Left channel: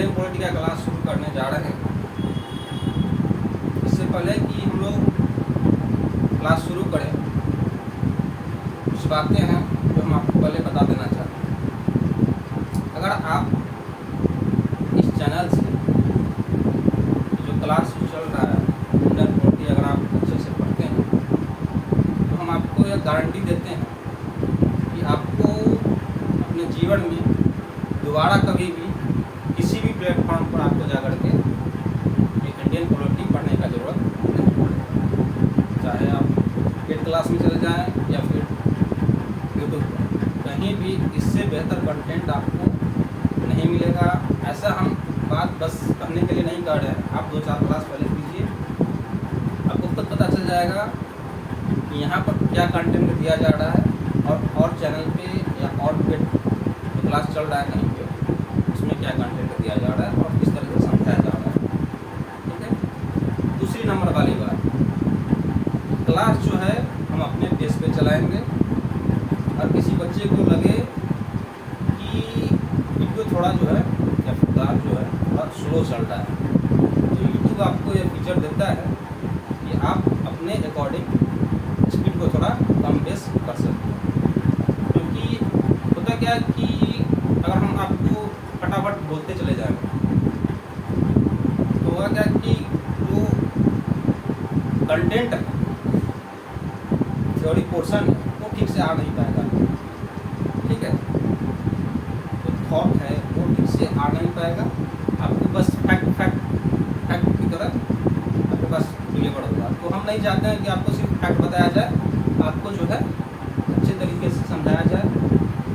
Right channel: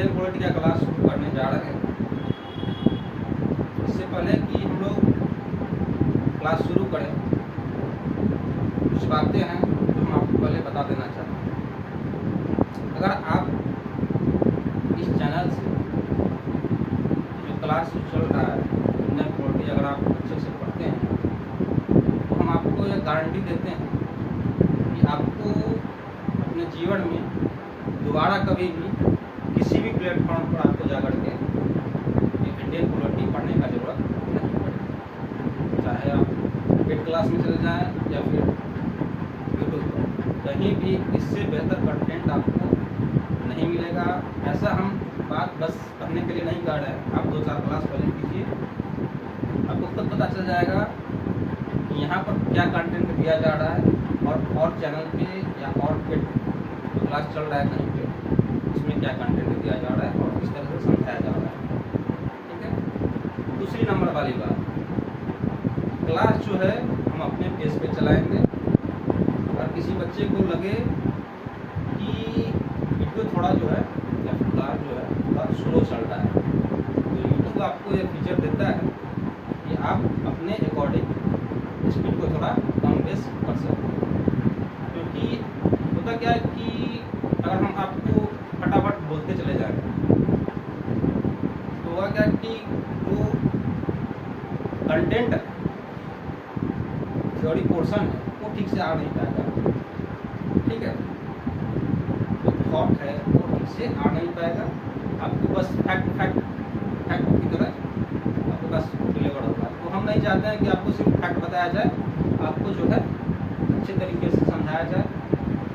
Indian polity का class शुरू करने जा रहे हैं। इससे पहले कि हम लोग क्लास शुरू करें, कुछ बातें हैं जो हम आपको पहले बता देना चाहते हैं। अगर आप इस चैनल से जो क्लास चल रहा है इंडियन पॉलिटी अगर आप अच्छे से पढ़ते हैं तो हम आपको यह गारंटी देते हैं कि आपको अपने जीवन में दोबारा कभी भी किसी भी प्लेटफॉर्म पर आपको जाकर के इंडियन पॉलिटी पढ़ने का ज़रूरत नहीं पड़ेगा। चाहे आप पेड क्लास में चले जाएं या फिर यूट्यूब पर, कहीं भी इससे बेहतर कंटेंट आपको नहीं मिलेगा। ऐसा हम बात बस कहने के लिए नहीं कर रहे हैं। आप 2-4 क्लास पहले कीजिए, आपको खुद पता चल जाएगा कि यहाँ पर क्या कंटेंट दिया जा रहा है और चैनल पे या और पेड जो क्लास चल रहा है कहीं पे उसमें क्या कंटेंट दिया जा रहा है और किस तरह से समझाया जा रहा है। ठीक है। दूसरी नंबर वाली बात, क्लास जो है हम अपने पेज पे चलाएंगे और किसी बच्चे को लगे कि वीडियो थोड़ा जो है या फिर क्लास जो है बहुत स्लो चल रहा है, तो यूट्यूब आपको ये फीचर देता है कि आप अपने अकॉर्डिंग स्पीड को थोड़ा कम बेस कर सकते हैं। क्योंकि होता क्या है कि अगर हम आपको फटाफट बोलते चले जाएंगे तो होगा क्या कि जो कंटेंट है, थ्योरी पोर्शन है, वो ठीक से आ नहीं पाएगा। ठीक है, जो थॉट है वो ठीक से आ नहीं पाएगा। आपको बस फैक्ट की तरह आपके पास डिलीवर होगा। तो हम नहीं चाहते हैं कि आपको सिर्फ फैक्ट बताया जाए, आपको जो है अच्छे तरीके से समझाया जाए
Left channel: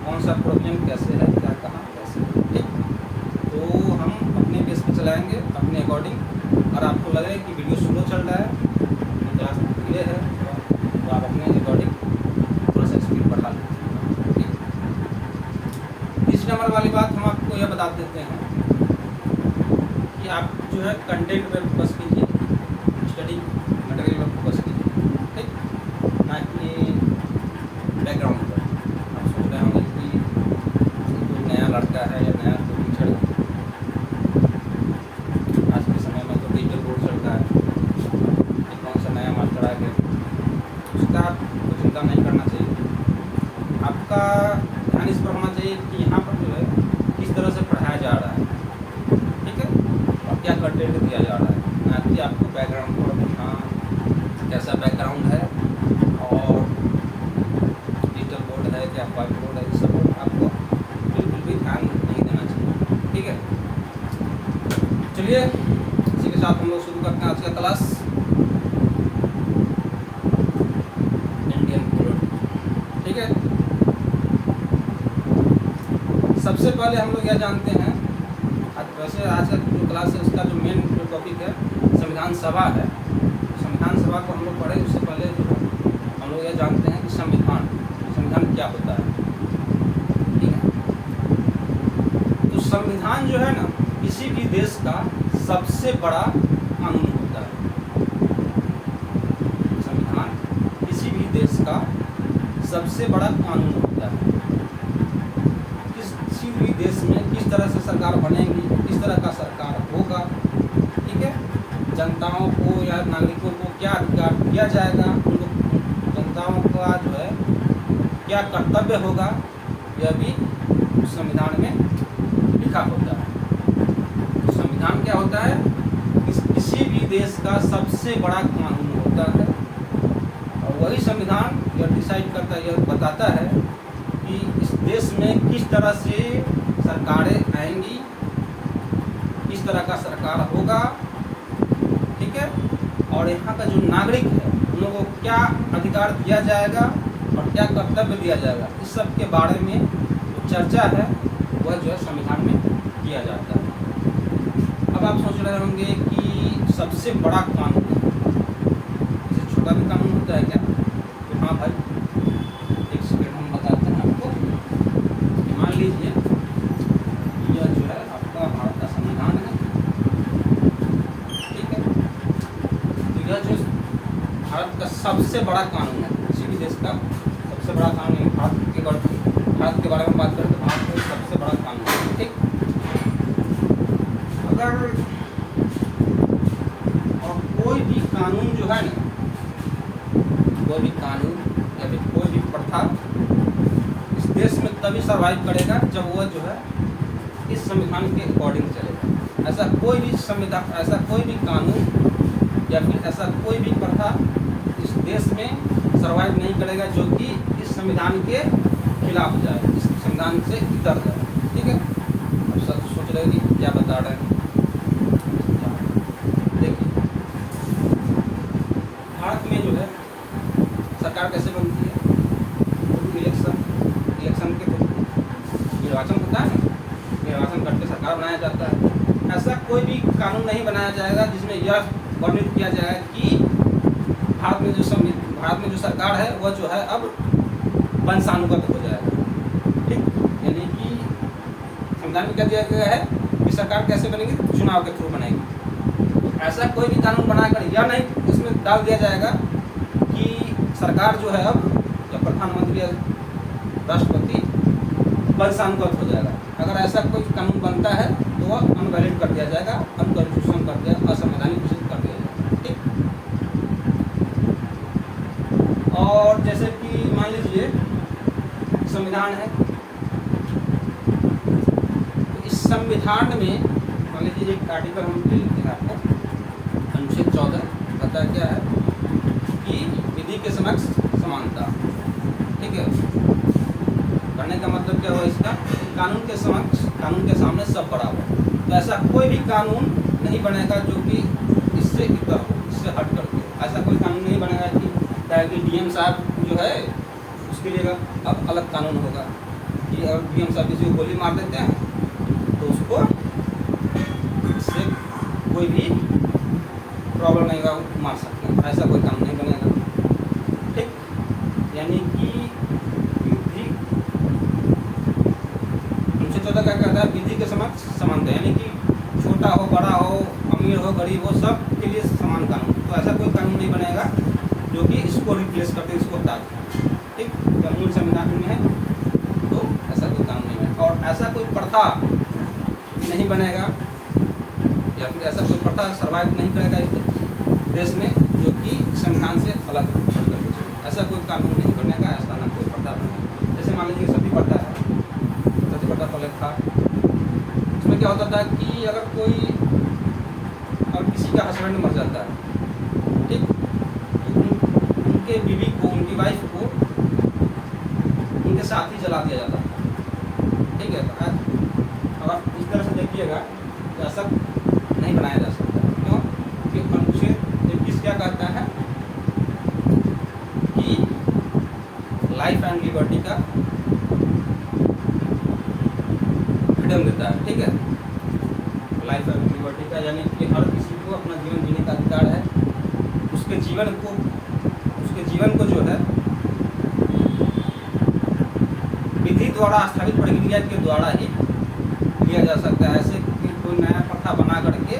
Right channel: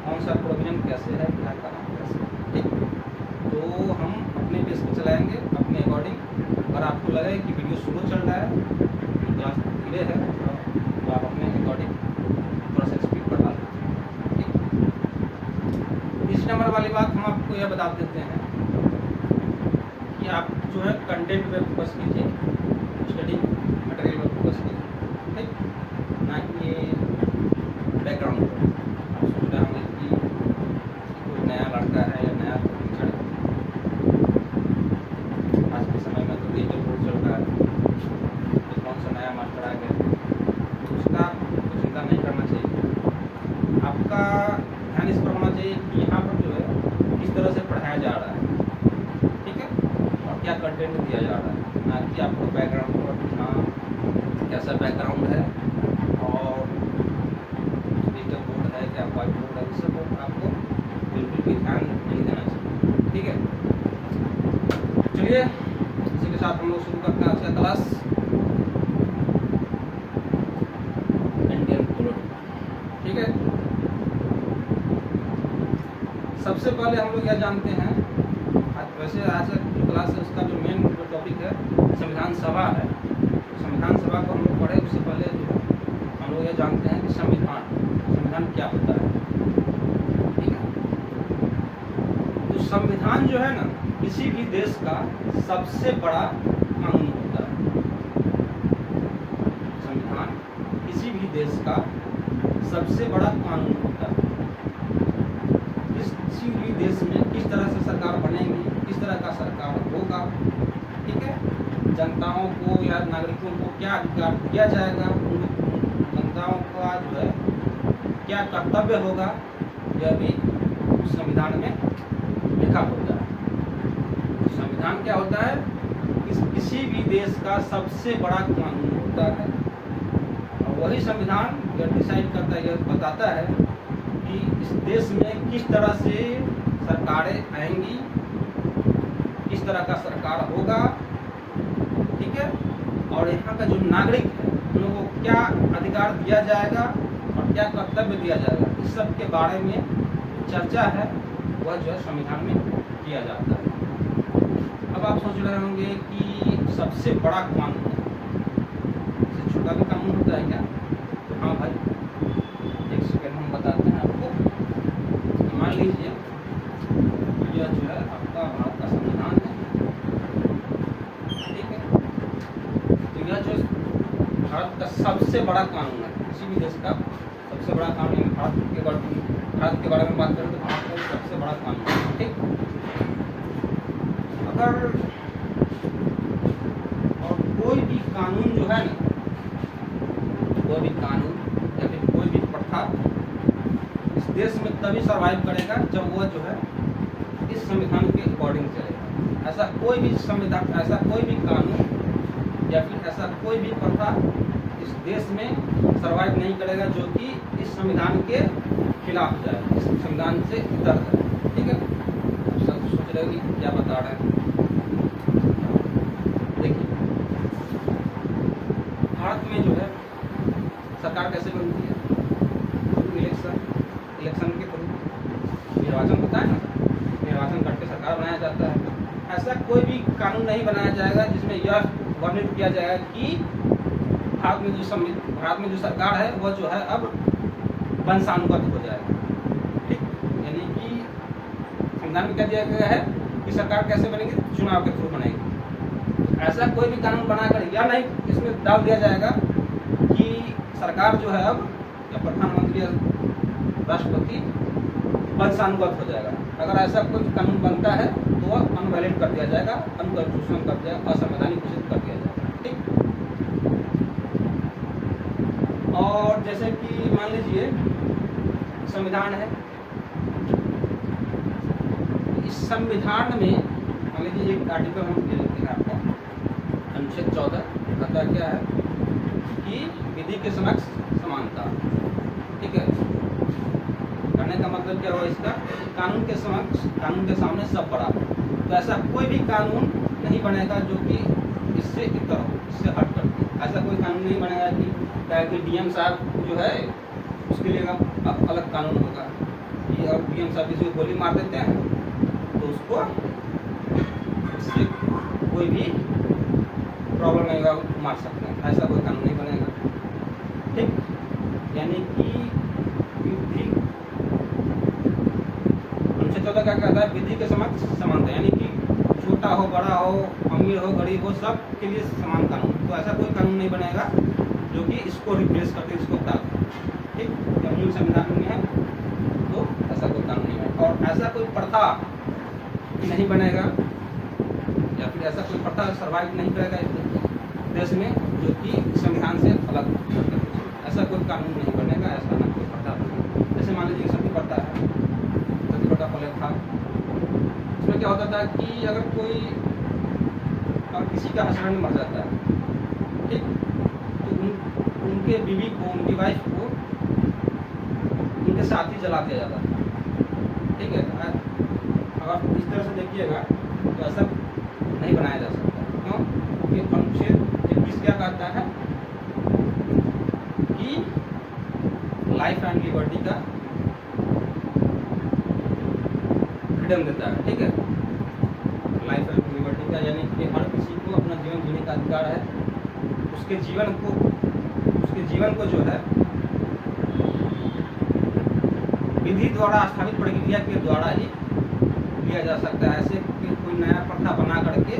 कौन सा प्रोविजन कैसे है, क्या कहाँ कैसे। ठीक, तो हम अपने पेज पे चलाएंगे अपने अकॉर्डिंग। और आपको लगे कि वीडियो स्लो चल रहा है, क्लास धीरे है, तो आप अपने अकॉर्डिंग थोड़ा सा स्पीड बढ़ा लें। ठीक, तीसरी नंबर वाली बात हम आपको यह बता देते हैं कि आप जो है कंटेंट पे फोकस कीजिए, स्टडी मटेरियल पर फोकस कीजिए। ठीक, ना कि बैकग्राउंड पर। आप सोच रहे होंगे कि कोई नया लड़का है या नया कोई टीचर है, आज के समय में तो डिजिटल बोर्ड चलता है, कि कौन सा नया मास्टर आ गया, उसका आपको चिंता नहीं करना चाहिए। आपका ध्यान इस पर होना चाहिए कि यहाँ पर जो है किस तरह से पढ़ाया जा रहा है। ठीक है, और क्या कंटेंट दिया जा रहा है, ना कि आपको बैकग्राउंड पर पूछना कैसा बैकग्राउंड है और डिजिटल बोर्ड है क्या व्हाइट बोर्ड है, इस सब आपको बिल्कुल भी ध्यान नहीं देना चाहिए। ठीक है, चलिए इसी के साथ हम लोग शुरू करते हैं आज का क्लास इंडियन पॉलिटी। ठीक है, सबसे पहले हम लोग यह जानते हैं, वैसे आज का जो क्लास है उसका जो मेन जो टॉपिक है संविधान सभा है। संविधान सभा को हम लोग पढ़े उससे पहले हम लोग यह जानते हैं कि संविधान क्या होता है। ठीक है, तो संविधान जो है ना किसी भी देश का सबसे बड़ा कानून होता है। संविधान किसी भी देश का सबसे बड़ा कानून होता है। किसी भी देश में किस तरह से सरकार बनेगी, किस तरह का सरकार होगा, ठीक है, जनताओं को या नागरिकों को क्या अधिकार दिया जाएगा, उनको जनताओं का जो है क्या कर्तव्य होगा, यह भी संविधान में लिखा होता है। तो संविधान क्या होता है, किसी भी देश का सबसे बड़ा कानून होता है और वही संविधान यह डिसाइड करता है, यह बताता है कि इस देश में किस तरह से सरकारें आएंगी, किस तरह का सरकार होगा। ठीक है, और यहाँ का जो नागरिक है उन लोगों को क्या अधिकार दिया जाएगा और क्या कर्तव्य दिया जाएगा, इस सब के बारे में चर्चा है वह जो है संविधान में किया जाता है। अब आप सोच रहे होंगे कि सबसे बड़ा कानून है, इससे छोटा भी कानून होता है क्या? तो हाँ भाई, एक सेकेंड हम बताते हैं आपको। मान लीजिए यह जो है आपका भारत का संविधान है। ठीक है, तो यह जो भारत का सबसे बड़ा कानून है, किसी भी देश का सबसे बड़ा कानून, भारत के बारे में बात करें तो भारत का सबसे बड़ा कानून है। ठीक, अगर और कोई भी कानून जो है ना, कोई भी कानून या फिर कोई भी प्रथा इस देश में तभी सर्वाइव करेगा जब वो जो है इस संविधान के अकॉर्डिंग चलेगा। ऐसा कोई भी संविधान, ऐसा कोई भी कानून या फिर ऐसा कोई भी प्रथा इस देश में सर्वाइव नहीं करेगा जो कि इस संविधान के खिलाफ जाए, इस संविधान से इतर जाए। ठीक है, अब सब सोच रहे हैं कि क्या बता रहे हैं। देखिए, भारत में जो है सरकार कैसे बनती है? इलेक्शन के थ्रू निर्वाचन होता है ना, निर्वाचन करके सरकार बनाया जाता है। ऐसा कोई भी कानून नहीं बनाया जाएगा जिसमें यह वर्णित किया जाएगा कि भारत में जो सरकार है वह जो है अब वंशानुगत हो जाएगा। ठीक, यानी कि संविधान में क्या दिया गया है कि सरकार कैसे बनेगी? चुनाव के थ्रू बनेगी। ऐसा कोई भी कानून बनाकर यह नहीं इसमें डाल दिया जाएगा कि सरकार जो है अब या प्रधानमंत्री या राष्ट्रपति वंशानुगत हो जाएगा। अगर ऐसा कोई कानून बनता है तो वह अनवैलिड कर दिया जाएगा, अनकॉन्स्टिट्यूशनल कर दिया, असंवैधानिक घोषित कर दिया जाएगा। ठीक, और जैसे कि मान लीजिए संविधान है, तो इस संविधान में मान लीजिए एक आर्टिकल हम ले लेते हैं आपको, अनुच्छेद 14 बताया क्या है कि विधि के समक्ष समानता। ठीक है, करने का मतलब क्या हुआ इसका? कानून के समक्ष, कानून के सामने सब बराबर। तो ऐसा कोई भी कानून नहीं बनेगा जो कि इससे इतर हो, इससे हट करके। ऐसा कोई कानून नहीं बनेगा कि डीएम साहब जो है उसके लिए अब अलग कानून होगा कि अगर डीएम साहब किसी को गोली मार देते हैं तो उसको इससे कोई भी प्रॉब्लम नहीं होगा, मार सकते हैं। ऐसा कोई कानून नहीं बनेगा। ठीक, यानी कि विधि, अनुच्छेद 14 क्या कहता है? विधि के समक्ष समानता, यानी कि छोटा हो, बड़ा हो, अमीर हो, गरीब हो, सब के लिए समान कानून। तो ऐसा कोई कानून नहीं बनेगा जो कि इसको रिप्लेस करते, इसको हटा दें। ठीक, तो मूल संविधान में है तो ऐसा कोई कानून नहीं है। और ऐसा कोई प्रथा नहीं बनेगा या फिर ऐसा कोई प्रथा सर्वाइव नहीं करेगा इस देश में जो कि संविधान से अलग करके। ऐसा कोई कानून नहीं बनेगा, ऐसा ना कोई प्रथा बनेगा। जैसे मान लीजिए सती प्रथा है, सती प्रथा पहले था। उसमें क्या होता था कि अगर किसी का हस्बैंड मर जाता है, ठीक, तो उनके बीवी को, उनकी वाइफ को उनके साथ ही जला दिया जाता था। ठीक है, अगर इस तरह से देखिएगा तो ऐसा नहीं बनाया जा सकता। क्यों? क्योंकि अनुच्छेद 21 क्या कहता है कि लाइफ एंड लिबर्टी का फ्रीडम देता है। ठीक है, लाइफ एंड लिबर्टी का, यानी कि हर किसी को अपना जीवन जीने का अधिकार है। उसके जीवन को जो है विधि द्वारा स्थापित प्रक्रिया के द्वारा ही लिया जा सकता है। ऐसे कि कोई नया प्रथा बना करके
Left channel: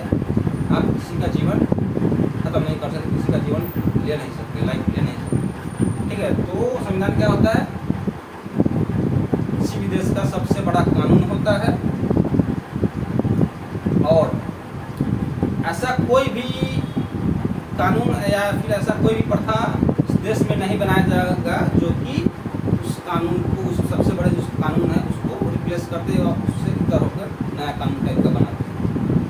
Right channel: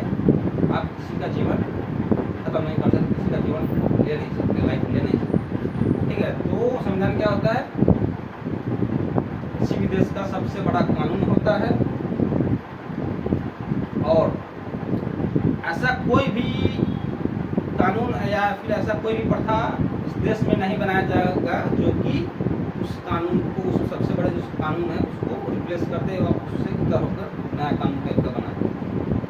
आप किसी का जीवन खत्म नहीं कर सकते, किसी का जीवन ले नहीं सकते, लाइफ ले नहीं सकते। ठीक है, तो संविधान क्या होता है? किसी भी देश का सबसे बड़ा कानून होता है। और ऐसा कोई भी कानून या फिर ऐसा कोई भी प्रथा इस देश में नहीं बनाया जाएगा जो कि उस कानून को, उस सबसे बड़े जो कानून है उसको रिप्लेस करते और उससे इतर होकर नया कानून टाइप का बनाते हैं।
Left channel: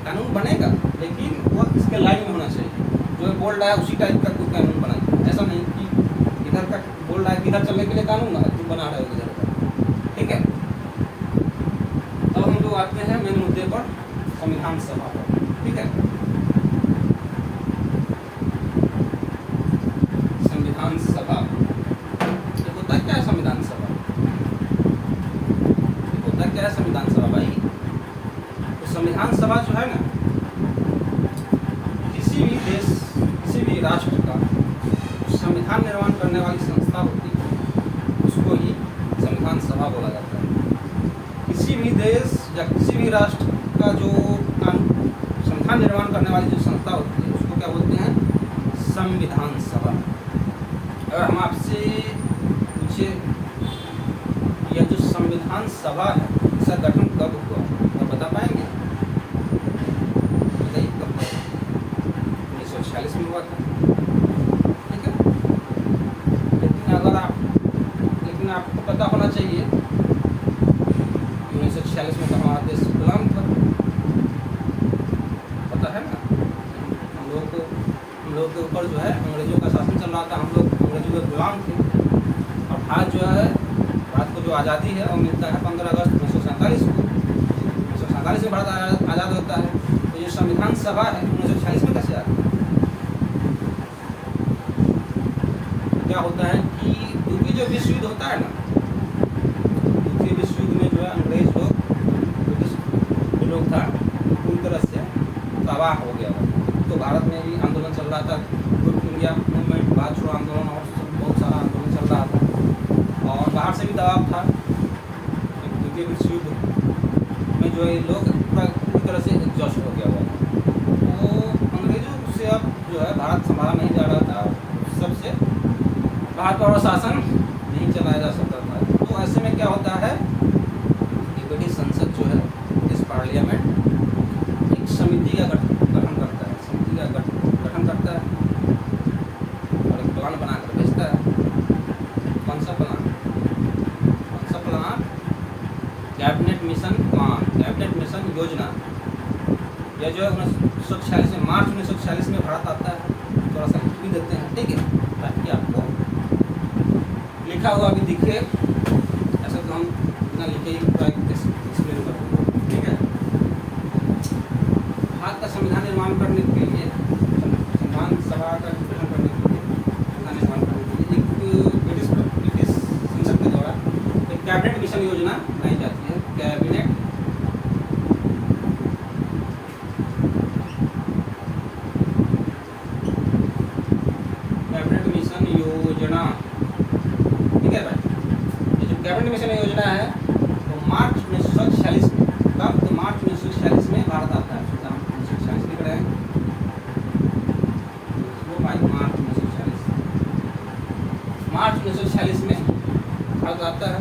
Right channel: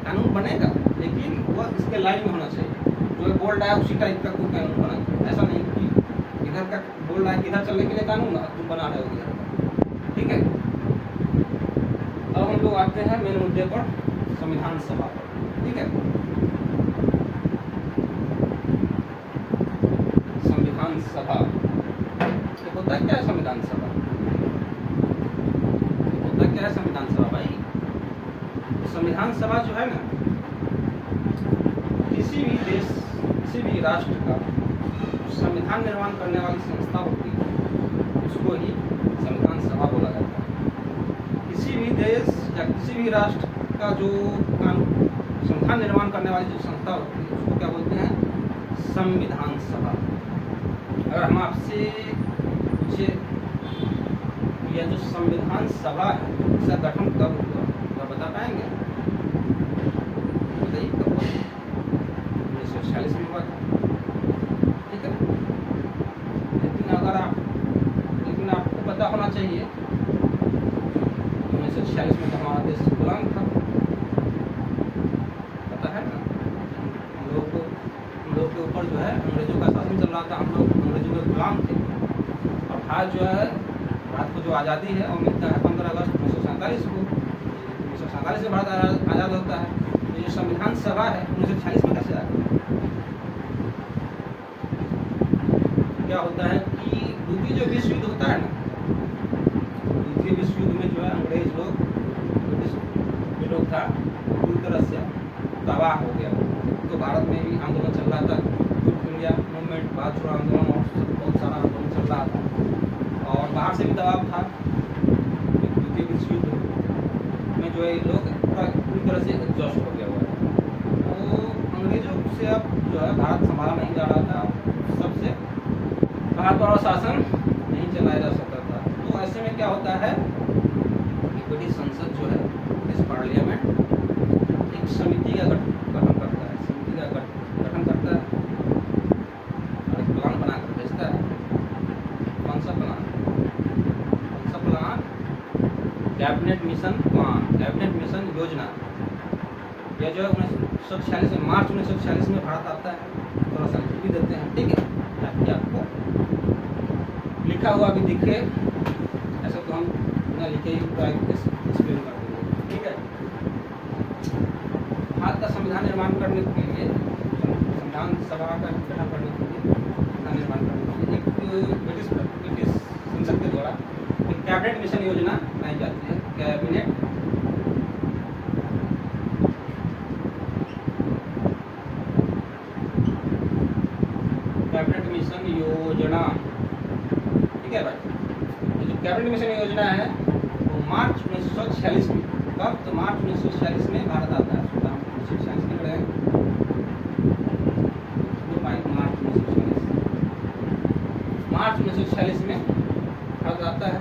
कानून बनेगा लेकिन वह इसके लाइन में होना चाहिए। जो बोल रहा है उसी टाइप का कोई कानून बना, ऐसा नहीं कि इधर का बोल रहा है कि इधर चलने के लिए कानून तुम बना रहे हो इधर का। ठीक है, अब हम लोग आते हैं मेन मुद्दे पर, संविधान सभा पर। ठीक है, संविधान सभा होता क्या है? संविधान सभा होता क्या है? संविधान सभा भाई, तो संविधान सभा जो है ना, किसी भी देश, किसी भी राष्ट्र का संविधान निर्माण करने वाली संस्था होती है, उसको ही संविधान सभा बोला जाता है। किसी भी देश या किसी भी राष्ट्र का जो संविधान निर्माण करने वाली जो संस्था होती है उसको क्या बोलते हैं? संविधान सभा। अगर हम आपसे पूछे यह जो संविधान सभा है इसका गठन कब हुआ, आप बता पाएंगे? ऊपर जो है अंग्रेजों का शासन चल रहा था, हम लोग अंग्रेजों के गुलाम थे। और भारत जो है, भारत को जो आज़ादी है वो मिलता है 15 अगस्त 1947 को। 1947 में भारत आज़ाद होता है। तो जो संविधान सभा है 1946 में कैसे आ गई? क्या होता है कि द्वितीय जो विश्व युद्ध होता है ना, द्वितीय विश्व युद्ध में जो है अंग्रेज लोग, ब्रिटिश जो लोग था पूरी तरह से तबाह हो गया। तो भारत में भी आंदोलन चल रहा था, क्विट इंडिया मूवमेंट, भारत छोड़ो आंदोलन और बहुत सारा आंदोलन चल रहा था। और बाहर से भी दबाव था। द्वितीय विश्व युद्ध में जो है लोग पूरी तरह से एग्जॉस्ट हो गया हुआ था। तो अंग्रेजों से अब जो है भारत संभाला नहीं जा रहा था, सबसे भारत पर शासन नहीं चलाया जा सकता था। तो ऐसे में क्या होता है कि ब्रिटिश संसद जो है, ब्रिटिश पार्लियामेंट एक समिति का गठन करता है, समिति का गठन करता है और एक प्लान बनाकर भेजता है। कौन सा plan? Cabinet mission plan, cabinet mission योजना। यह जो है 1946 में, मार्च 1946 में भारत आता है। थोड़ा सा लिख भी देते हैं, ठीक है, ताकि आपको लिखा हुआ भी दिखे। ऐसा तो हम बिना लिखे ही पूरा एक्सप्लेन करते हैं, ठीक है। भारत का संविधान निर्माण करने के लिए, संविधान सभा का गठन करने के लिए, संविधान निर्माण करने के लिए एक ब्रिटिश संसद के द्वारा एक कैबिनेट मिशन योजना बनाई जाती है। कैबिनेट मिशन योजना, ठीक है भाई। ये जो कैबिनेट मिशन योजना है तो मार्च 1946 में, कब? तो मार्च 1946 में भारत आता है। हम 1946 लिख रहे हैं, मार्च 1946 में भारत आता है।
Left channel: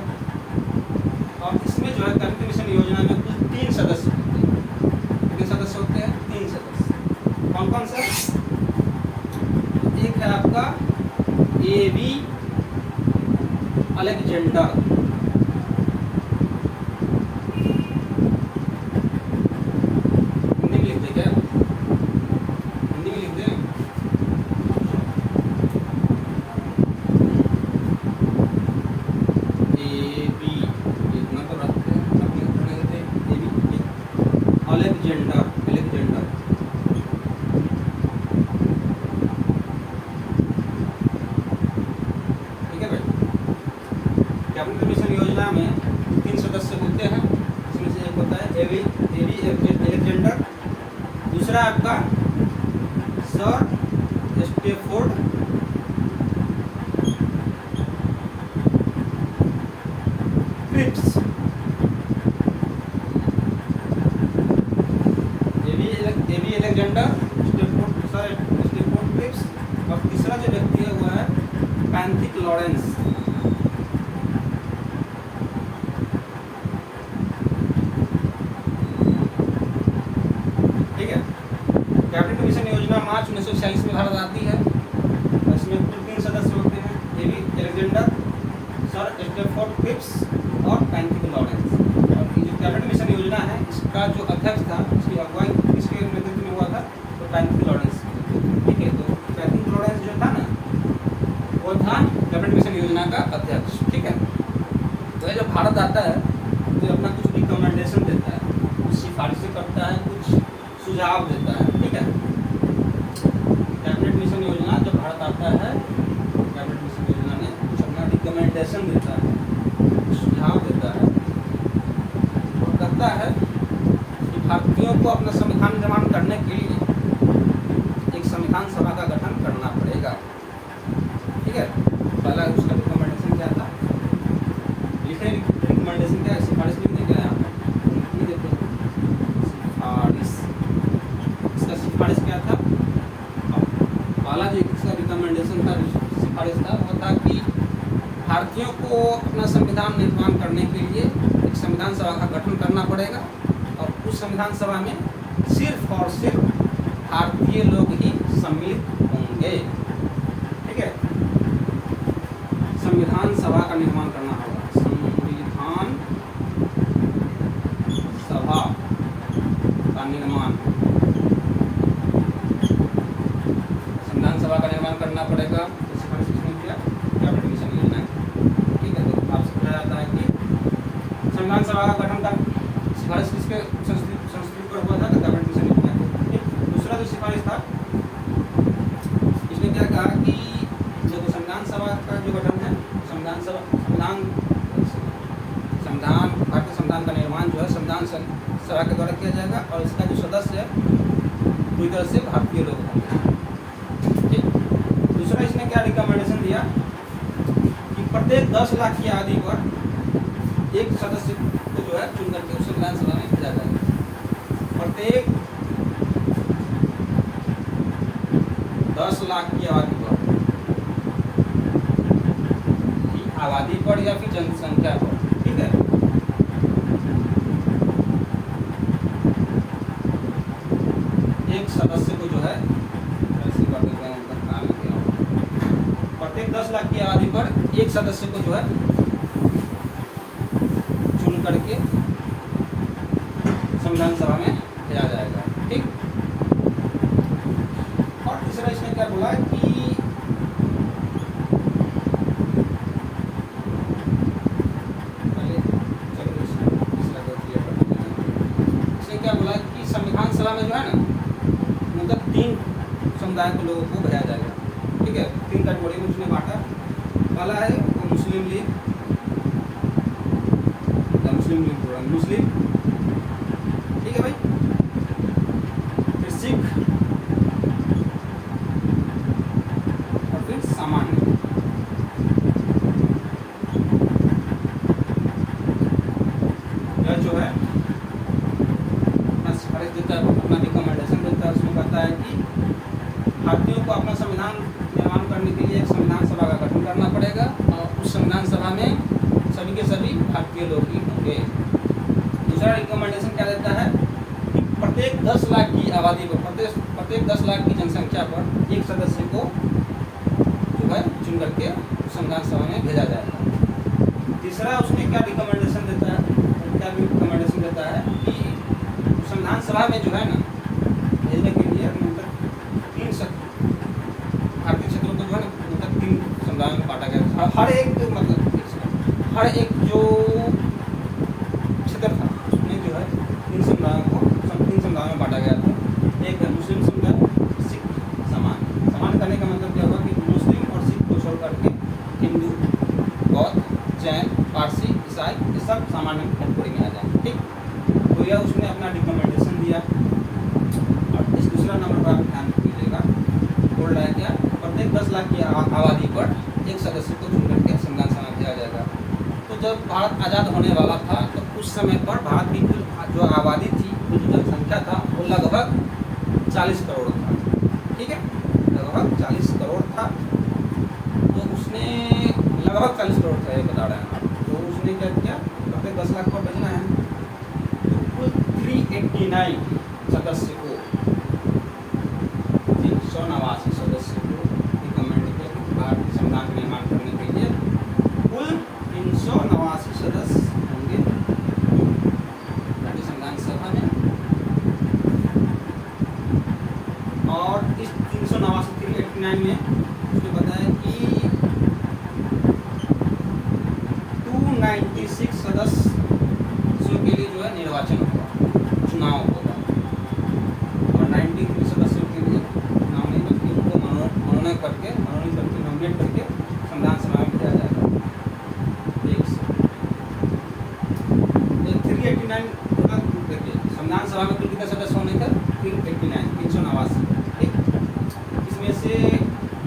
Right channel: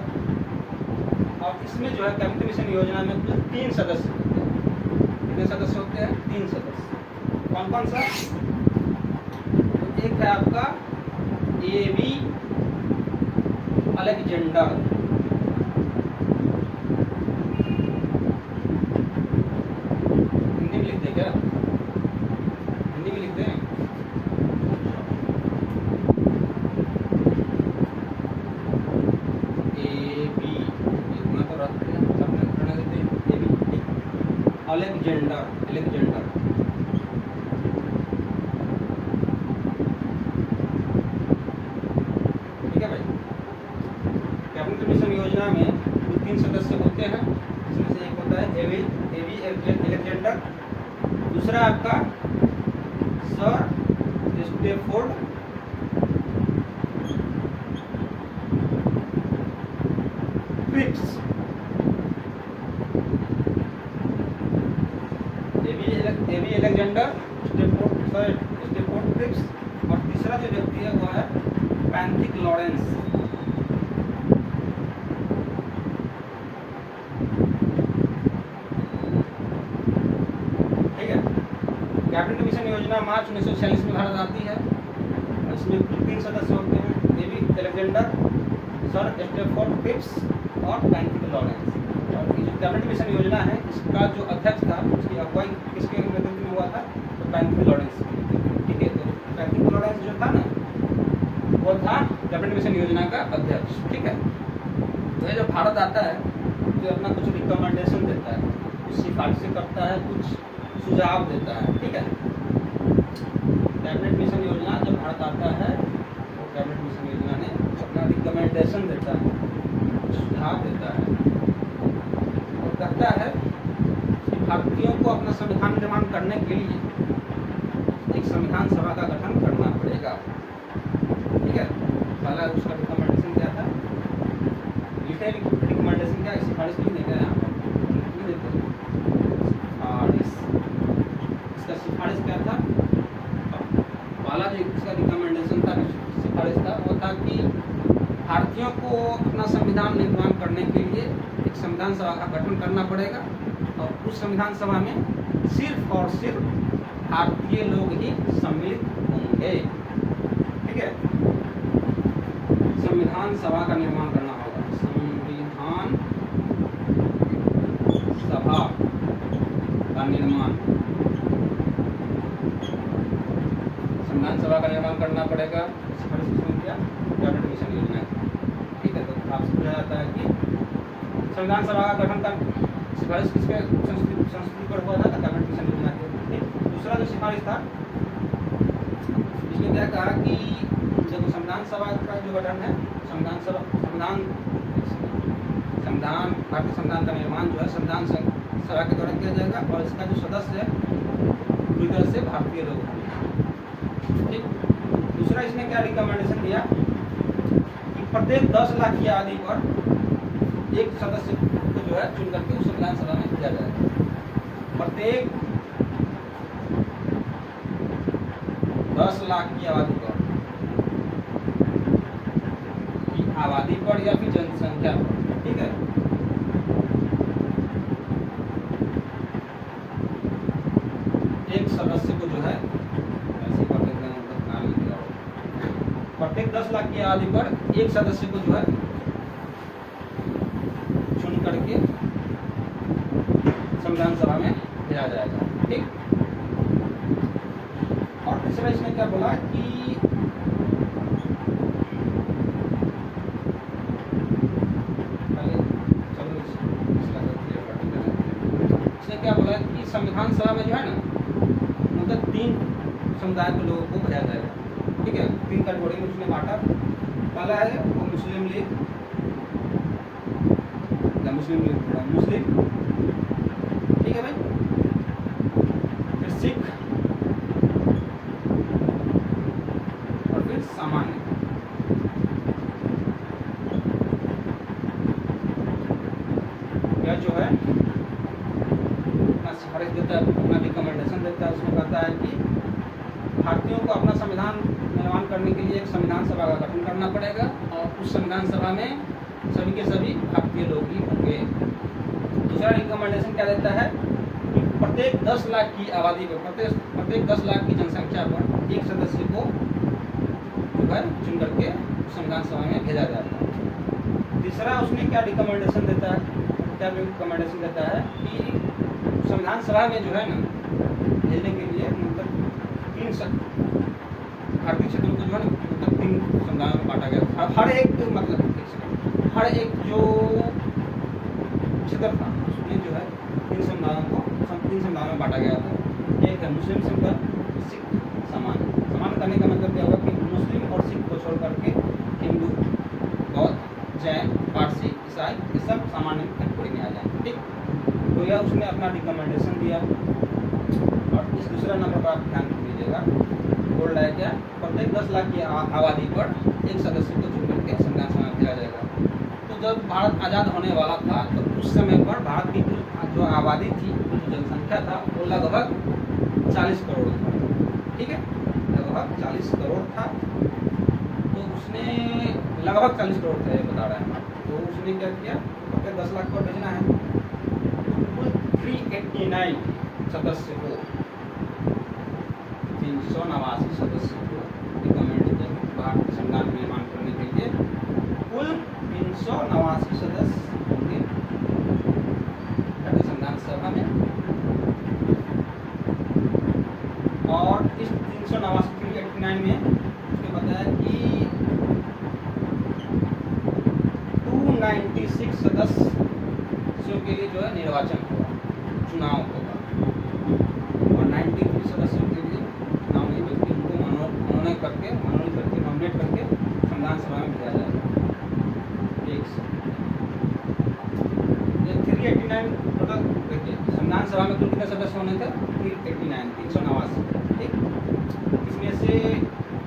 और इसमें जो है कैबिनेट मिशन योजना में कुल 3 सदस्य होते हैं। कितने सदस्य होते हैं? 3 सदस्य। कौन कौन सा? एक है आपका A.V. अलेक्जेंडर, हिंदी में लिख दे क्या? हिंदी में लिख दे। A.V. इतना तो रखते हैं, A.V. अलेक्जेंडर, ठीक है भाई। कैबिनेट मिशन योजना में 3 सदस्य होते हैं। इसमें से एक होता है A.V. अलेक्जेंडर, दूसरा आपका sir Stafford Cripps, A.V. Alexander, sir Stafford Cripps, और तीसरा जो व्यक्ति है वो है पैंथिक लॉरेंस। ठीक है। कैबिनेट मिशन योजना मार्च 1946 में भारत आती है। इसमें 3 सदस्य होते हैं, A.V. Alexander, sir Stafford Cripps और पैंथिक लॉरेंस। और ये जो कैबिनेट मिशन योजना है इसका जो अध्यक्ष था, उसकी अगुवाई किसके नेतृत्व में हुआ था? तो पैंथिक लॉरेंस। ठीक है। तो पैंथिक लॉरेंस जो था ना, वो था कैबिनेट मिशन योजना का अध्यक्ष। ठीक है। तो ये जब भारत आता है तो अपना कुछ रिकमेंडेशन देता है, कुछ सिफारिशें करता है, कुछ सुझाव देता है। ठीक है। कैबिनेट मिशन योजना जब भारत आता है, कैबिनेट मिशन योजना ने कुछ अपना रिकमेंडेशन देता है, सुझाव देता है और कहता है कि भारतीयों को अपना संविधान निर्माण करने के लिए एक संविधान सभा का गठन करना पड़ेगा। ठीक है। पहला उसका रिकमेंडेशन क्या था? लिखे रिकमेंडेशन क्या? सिफारिश लिख देंगे यहाँ पर, इसका सिफारिश क्या था? पहला जो इसका रिकमेंडेशन था, सिफारिश था, वो था कि भारतीयों को अपना संविधान निर्माण करने के लिए एक संविधान सभा का गठन करना पड़ेगा और उस संविधान सभा में सिर्फ और सिर्फ भारतीय लोग ही सम्मिलित होंगे। ठीक है। संविधान सभा का निर्माण करना होगा, संविधान सभा का निर्माण, संविधान सभा निर्माण करना पड़ेगा। सिफारिश किसने किया? कैबिनेट मिशन योजना है। ठीक है, तो आपसे पूछा जाता है कि संविधान सभा का गठन का सिफारिश किसके संस्तुति पर हुआ था? तो कैबिनेट मिशन योजना के। दूसरा जो सिफारिश था, इसमें क्या कहा कि देखो संविधान सभा का जो गठन है, संविधान भारतीय संविधान का निर्माण जो है संविधान सभा के द्वारा किया जाएगा और इसका जो सदस्य है पूरी तरह से भारतीय लोग होंगे। ठीक। दूसरा इसने क्या रिकमेंडेशन दिया कि प्रत्येक 10 लाख की आबादी पर एक सदस्य को जो है चुन करके उस संविधान सभा में भेजा जाएगा। प्रत्येक 10 लाख की आबादी पर या फिर जनसंख्या पर। ठीक है, एक सदस्य को जो है ऐसे कर देते हैं, प्रत्येक 10 लाख की आबादी पर एक सदस्य को जो है चुन करके संविधान सभा में भेजा जाएगा। ठीक। और तीसरा इसने क्या बोला कि क्या बोला कि संविधान सभा में जो है ना मतलब 3 समुदाय के लोगों को भेजा जाएगा। ठीक है, 3 कैटेगरी में उसने बांटा। पहला है मुस्लिम लीग, मुस्लिम, ठीक है भाई, फिर सिख और फिर सामान्य। यह जो है देता है, अपना रिकमेंडेशन देता है। उसमें कहता है कि भारतीयों को अपना संविधान निर्माण करने के लिए एक संविधान सभा का गठन करना पड़ेगा और उस संविधान सभा में सभी के सभी भारतीय लोग ही होंगे। दूसरा रिकमेंडेशन क्या देता है कि प्रत्येक 10 लाख की आबादी पर, प्रत्येक 10 लाख की जनसंख्या पर एक सदस्य को जो है चुन करके संविधान सभा में भेजा जाएगा। तीसरा उसमें क्या रिकमेंडेशन देता है कि संविधान सभा में जो है ना भेजने के लिए मतलब 3 भारतीय क्षेत्रों को जो है ना मतलब 3 समुदायों में बांटा गया। हर एक जो क्षेत्र था उसमें जो है 3 समुदायों में बांटा गया था। एक है मुस्लिम समुदाय, सिख, सामान्य करने का मतलब क्या होगा कि मुस्लिम और सिख को छोड़ करके हिंदू, बौद्ध, जैन, पारसी, ईसाई ये सब सामान्य कैटेगरी में आ जाएंगे। ठीक। तो यह उसने अपना रिकमेंडेशन दिया। और इस दूसरा नंबर पर ध्यान दीजिएगा, बोल रहा है क्या? प्रत्येक 10 लाख की आबादी पर एक सदस्य को चुन करके संविधान सभा में भेजा जाएगा। तो जब भारत आज़ाद होने वाला था तो उस समय पर भारत की जो आबादी थी, जो जनसंख्या था वो लगभग 40 करोड़ था। ठीक है, लगभग 40 करोड़ था। तो उसने लगभग 40 करोड़ था ये बता रहे हैं। तो उसने क्या किया, प्रत्येक 10 लाख पर भेजना है। 389 सदस्य को, 389 सदस्य को रिकमेंड किया भारतीय संविधान निर्माण करने के लिए। कुल 389 सदस्य होंगे भारतीय संविधान सभा में। और इस 389 में उसने बताया कि 296 सदस्यों के लिए जो है निर्वाचन होगा, चुनाव होगा। और 93 सदस्यों के लिए चुनाव नहीं बल्कि उनको मनोनीत करके नॉमिनेट करके संविधान सभा में भेजा जाएगा। 389 टोटल देखिए संविधान सभा में कुल कितने सदस्य होने का? 389। ठीक। इसमें से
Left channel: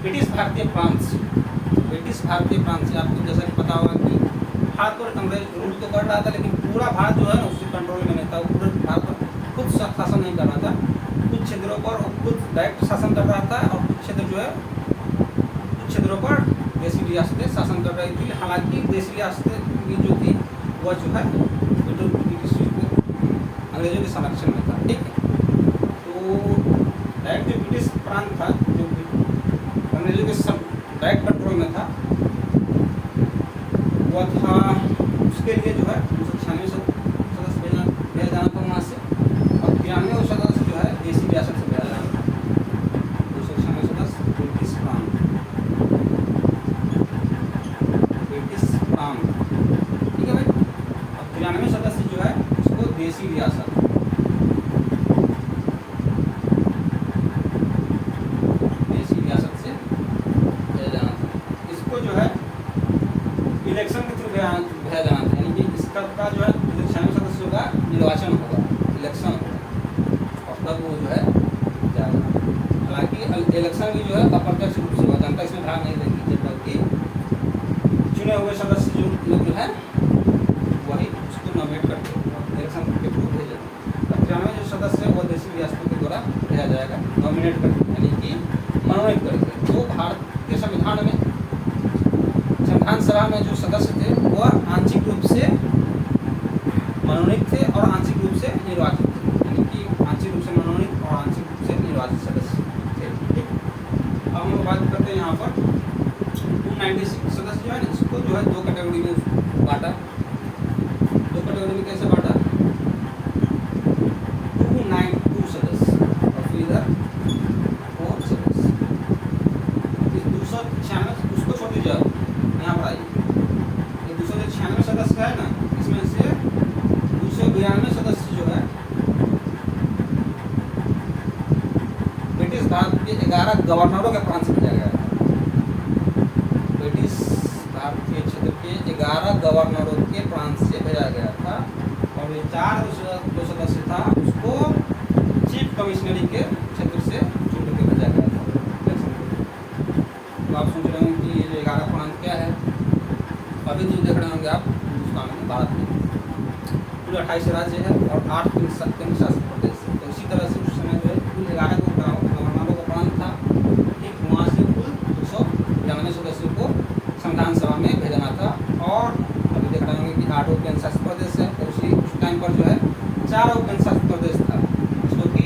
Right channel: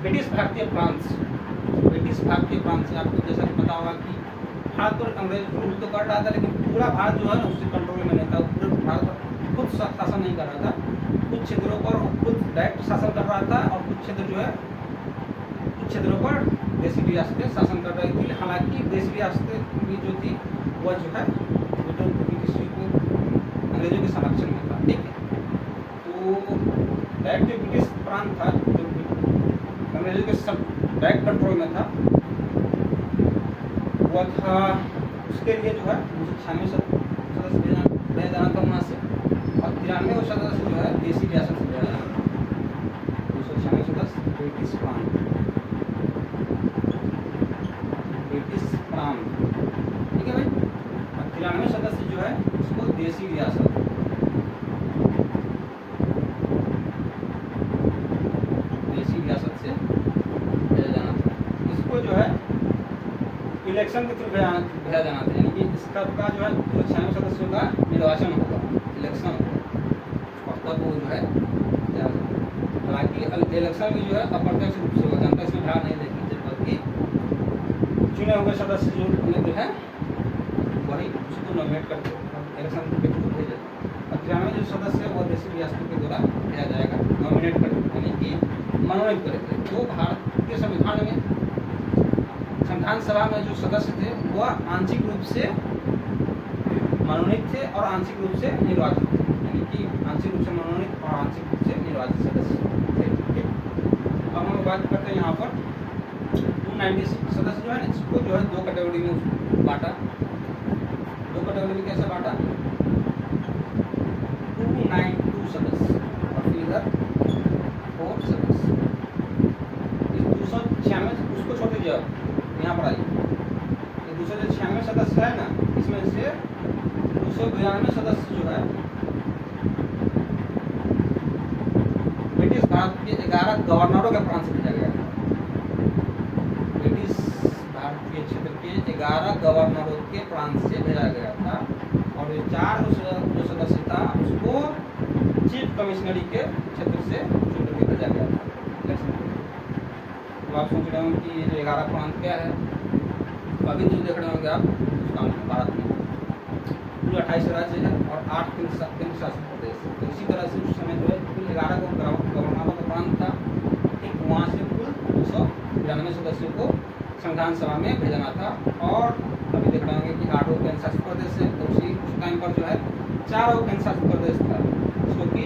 ब्रिटिश भारतीय प्रांत से आपको जैसा कि पता होगा कि भारत पर अंग्रेज रूल तो कर रहा था, लेकिन पूरा भारत जो है ना उसके कंट्रोल में नहीं था। पूरे भारत पर खुद शासन नहीं कर रहा था। कुछ क्षेत्रों पर खुद डायरेक्ट शासन कर रहा था और कुछ क्षेत्रों पर देशी रियासतें शासन कर रही थी। हालांकि देशी रियासतें की जो थी वह जो है अंग्रेजों के संरक्षण में था। ठीक है, तो डायरेक्ट जो ब्रिटिश प्रांत था जो अंग्रेजों के डायरेक्ट कंट्रोल में था वह था, उसके लिए जो है 296 सदस्य भेजा जाना था वहाँ से। और 93 सदस्य जो है देशी रियासत से भेजा जाना था। 296 सदस्य ब्रिटिश प्रांत। देसी रियासत, देसी रियासत से भेजा जाना था। इसको जो है इलेक्शन के थ्रू भेजा जाना था, यानी कि इसका का जो है 96 सदस्यों का निर्वाचन होगा, इलेक्शन होगा, और तब वो जो है जाएगा। हालांकि इलेक्शन भी जो है अप्रत्यक्ष रूप से होगा, जनता इसमें भाग नहीं लेगी, बल्कि चुने हुए सदस्य जो है वही उसको नॉमिनेट करते हैं, इलेक्शन के थ्रू भेजे। और 93 जो सदस्य है वो देसी रियासतों के द्वारा भेजा जाएगा, नॉमिनेट करके, यानी कि मनोनीत करके। तो भारतीय संविधान में, संविधान सभा में जो सदस्य थे वह आंशिक रूप से मनोनीत थे और आंशिक रूप से निर्वाचित थे, यानी कि आंशिक रूप से मनोनीत और आंशिक रूप से निर्वाचित सदस्य थे। अब हम लोग बात करते हैं यहाँ पर 296 सदस्य जो है ना, इसको जो है दो कैटेगरी में बांटा। दो कैटेगरी में कैसे बांटा? 292 सदस्य और फिर इधर 4 सदस्य। इस 296 उसको छोड़ दीजिए, आप यहाँ पर आइए। ये 296 सदस्य है ना, इसमें से 292 सदस्य जो है ब्रिटिश भारत के 11 गवर्नरों के प्रांत से भेजा गया था। ब्रिटिश भारतीय क्षेत्र के 11 गवर्नरों के प्रांत से भेजा गया था, और ये 4 जो सदस्य था उसको चीफ कमिश्नरी के क्षेत्र से चुन करके भेजा गया था। तो आप सोच रहे होंगे कि ये 11 प्रांत क्या है? अभी जो देख रहे होंगे आप हिंदुस्तान में, भारत में कुल 28 राज्य है और 8 केंद्र शासित प्रदेश है। तो इसी तरह से उस समय जो है कुल 11 गवर्नरों का प्रांत था, ठीक वहाँ से कुल 292 सदस्यों को संविधान सभा में भेजना था। और अभी देख रहे होंगे कि 8 केंद्र शासित प्रदेश है, तो उस टाइम पर जो है 4 केंद्र शासित प्रदेश था, जिसको कि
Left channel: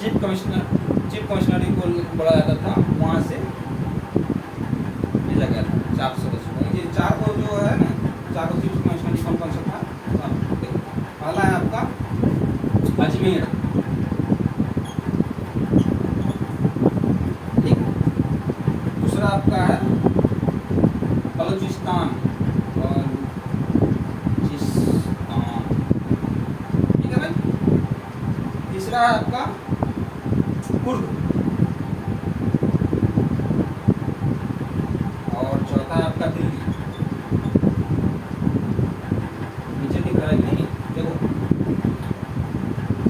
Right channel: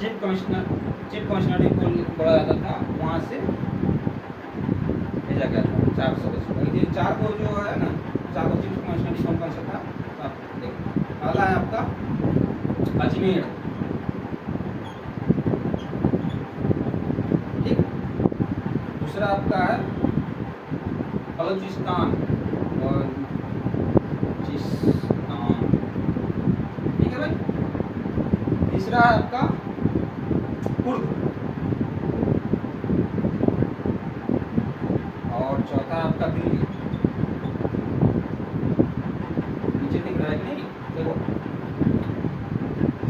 चीफ कमिश्नरी को बोला जाता था, वहाँ से भेजा गया था 4 सदस्यों। ये 4 को जो है ना, 4 को चीफ कमिश्नरी कौन सा था? पहला है आपका अजमेर, ठीक। दूसरा आपका है बलूचिस्तान, ठीक है भाई। तीसरा है आपका कुर्द, और चौथा है आपका दिल्ली। नीचे दिख रहा है नहीं, देखो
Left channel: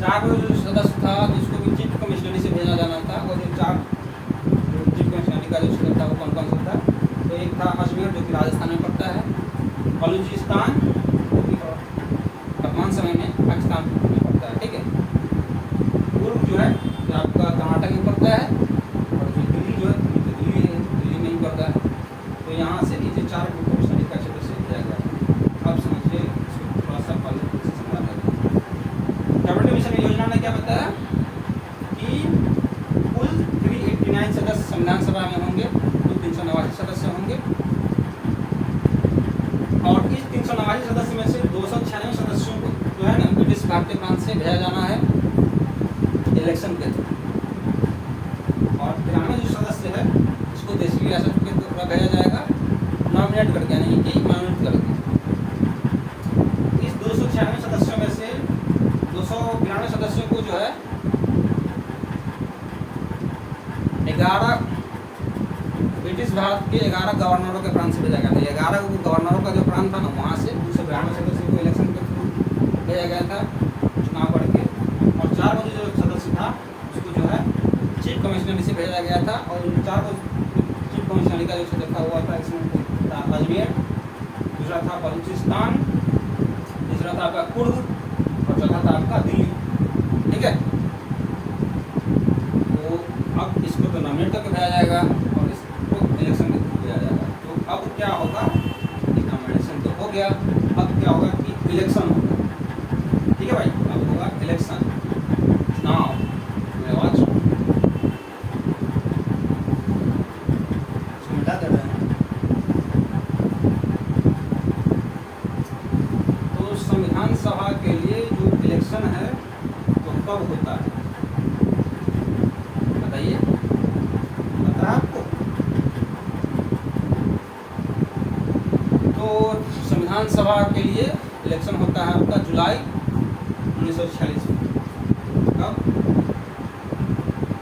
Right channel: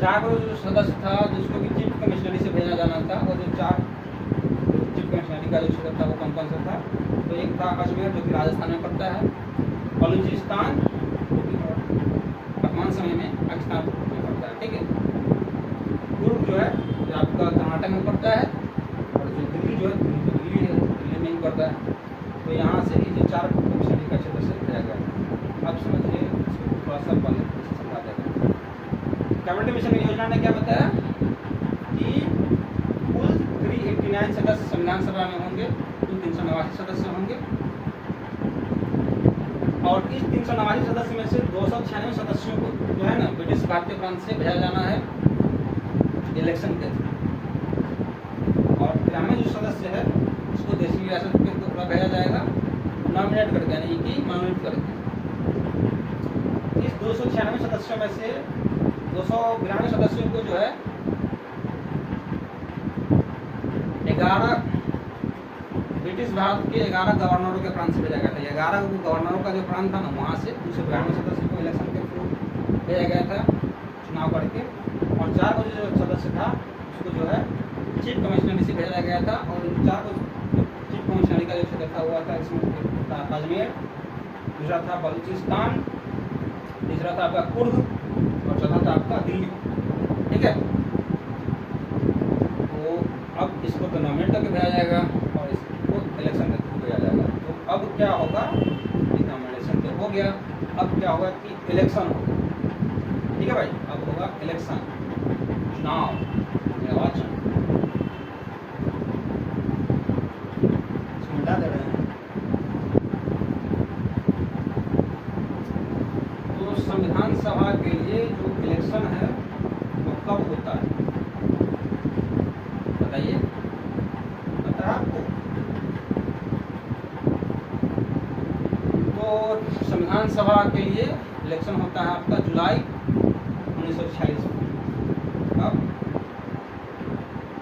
4 जो सदस्य था जिसको भी चीफ कमिश्नरी से भेजा जाना था, और जो 4 चीफ कमिश्नरी का जो सदस्य था वो कौन सा था? तो एक था अजमेर जो कि राजस्थान में पड़ता है, बलूचिस्तान जो कि वर्तमान समय में पाकिस्तान में पड़ता है, ठीक है। कुर्द जो है आपका कर्नाटक में पड़ता है, और जो दिल्ली जो है दिल्ली है, दिल्ली में ही पड़ता है। तो यहाँ से भी जो 4 कमिश्नरी का क्षेत्र से भेजा गया। अब समझिए थोड़ा सा पहले समझा देते हैं। कैबिनेट मिशन योजना ने क्या बताया कि कुल 389 सदस्य संविधान सभा में होंगे, कुल 389 सदस्य होंगे, और इस 389 सदस्य में से 296 सदस्यों को जो है ना ब्रिटिश भारतीय प्रांत से भेजा जाना है इलेक्शन के थ्रू, और 93 जो सदस्य है इसको देसी रियासत के द्वारा भेजा जाएगा, नॉमिनेट करके, यानी कि मनोनीत करके। इस 296 सदस्यों में से 292 सदस्यों को जो है 11 ब्रिटिश भारत के 11 गवर्नरों के प्रांत से भेजा गया था। 11 गवर्नरों का जो प्रांत था ना, वहाँ से 292 सदस्यों को इलेक्शन के थ्रू भेजा गया था, चुनाव करके। और 4 जो सदस्य था उसको जो है चीफ कमिश्नरी से भेजा गया था, और उन 4 को चीफ कमिश्नरी का जो सदस्य था हुआ था, इसमें था अजमेर, दूसरा था बलूचिस्तान, तीसरा था आपका कुर्द, और चौथा था आपका दिल्ली, ठीक है। तो अब इसको तो नॉमिनेट करके भेजा जाएगा और इसको इलेक्शन के थ्रू भेजा जाएगा। तो अब क्या होगा, नॉमिनेशन तो हो गया, अब क्या होगा कि इलेक्शन होगा, ठीक है भाई। अब होगा इलेक्शन। नाउ आवाज मिटा दे रहे हैं। तो संविधान सभा के लिए जो इलेक्शन है वो कब होता है बताइए, पता है आपको? तो संविधान सभा के लिए इलेक्शन होता है आपका जुलाई 1946 में। अब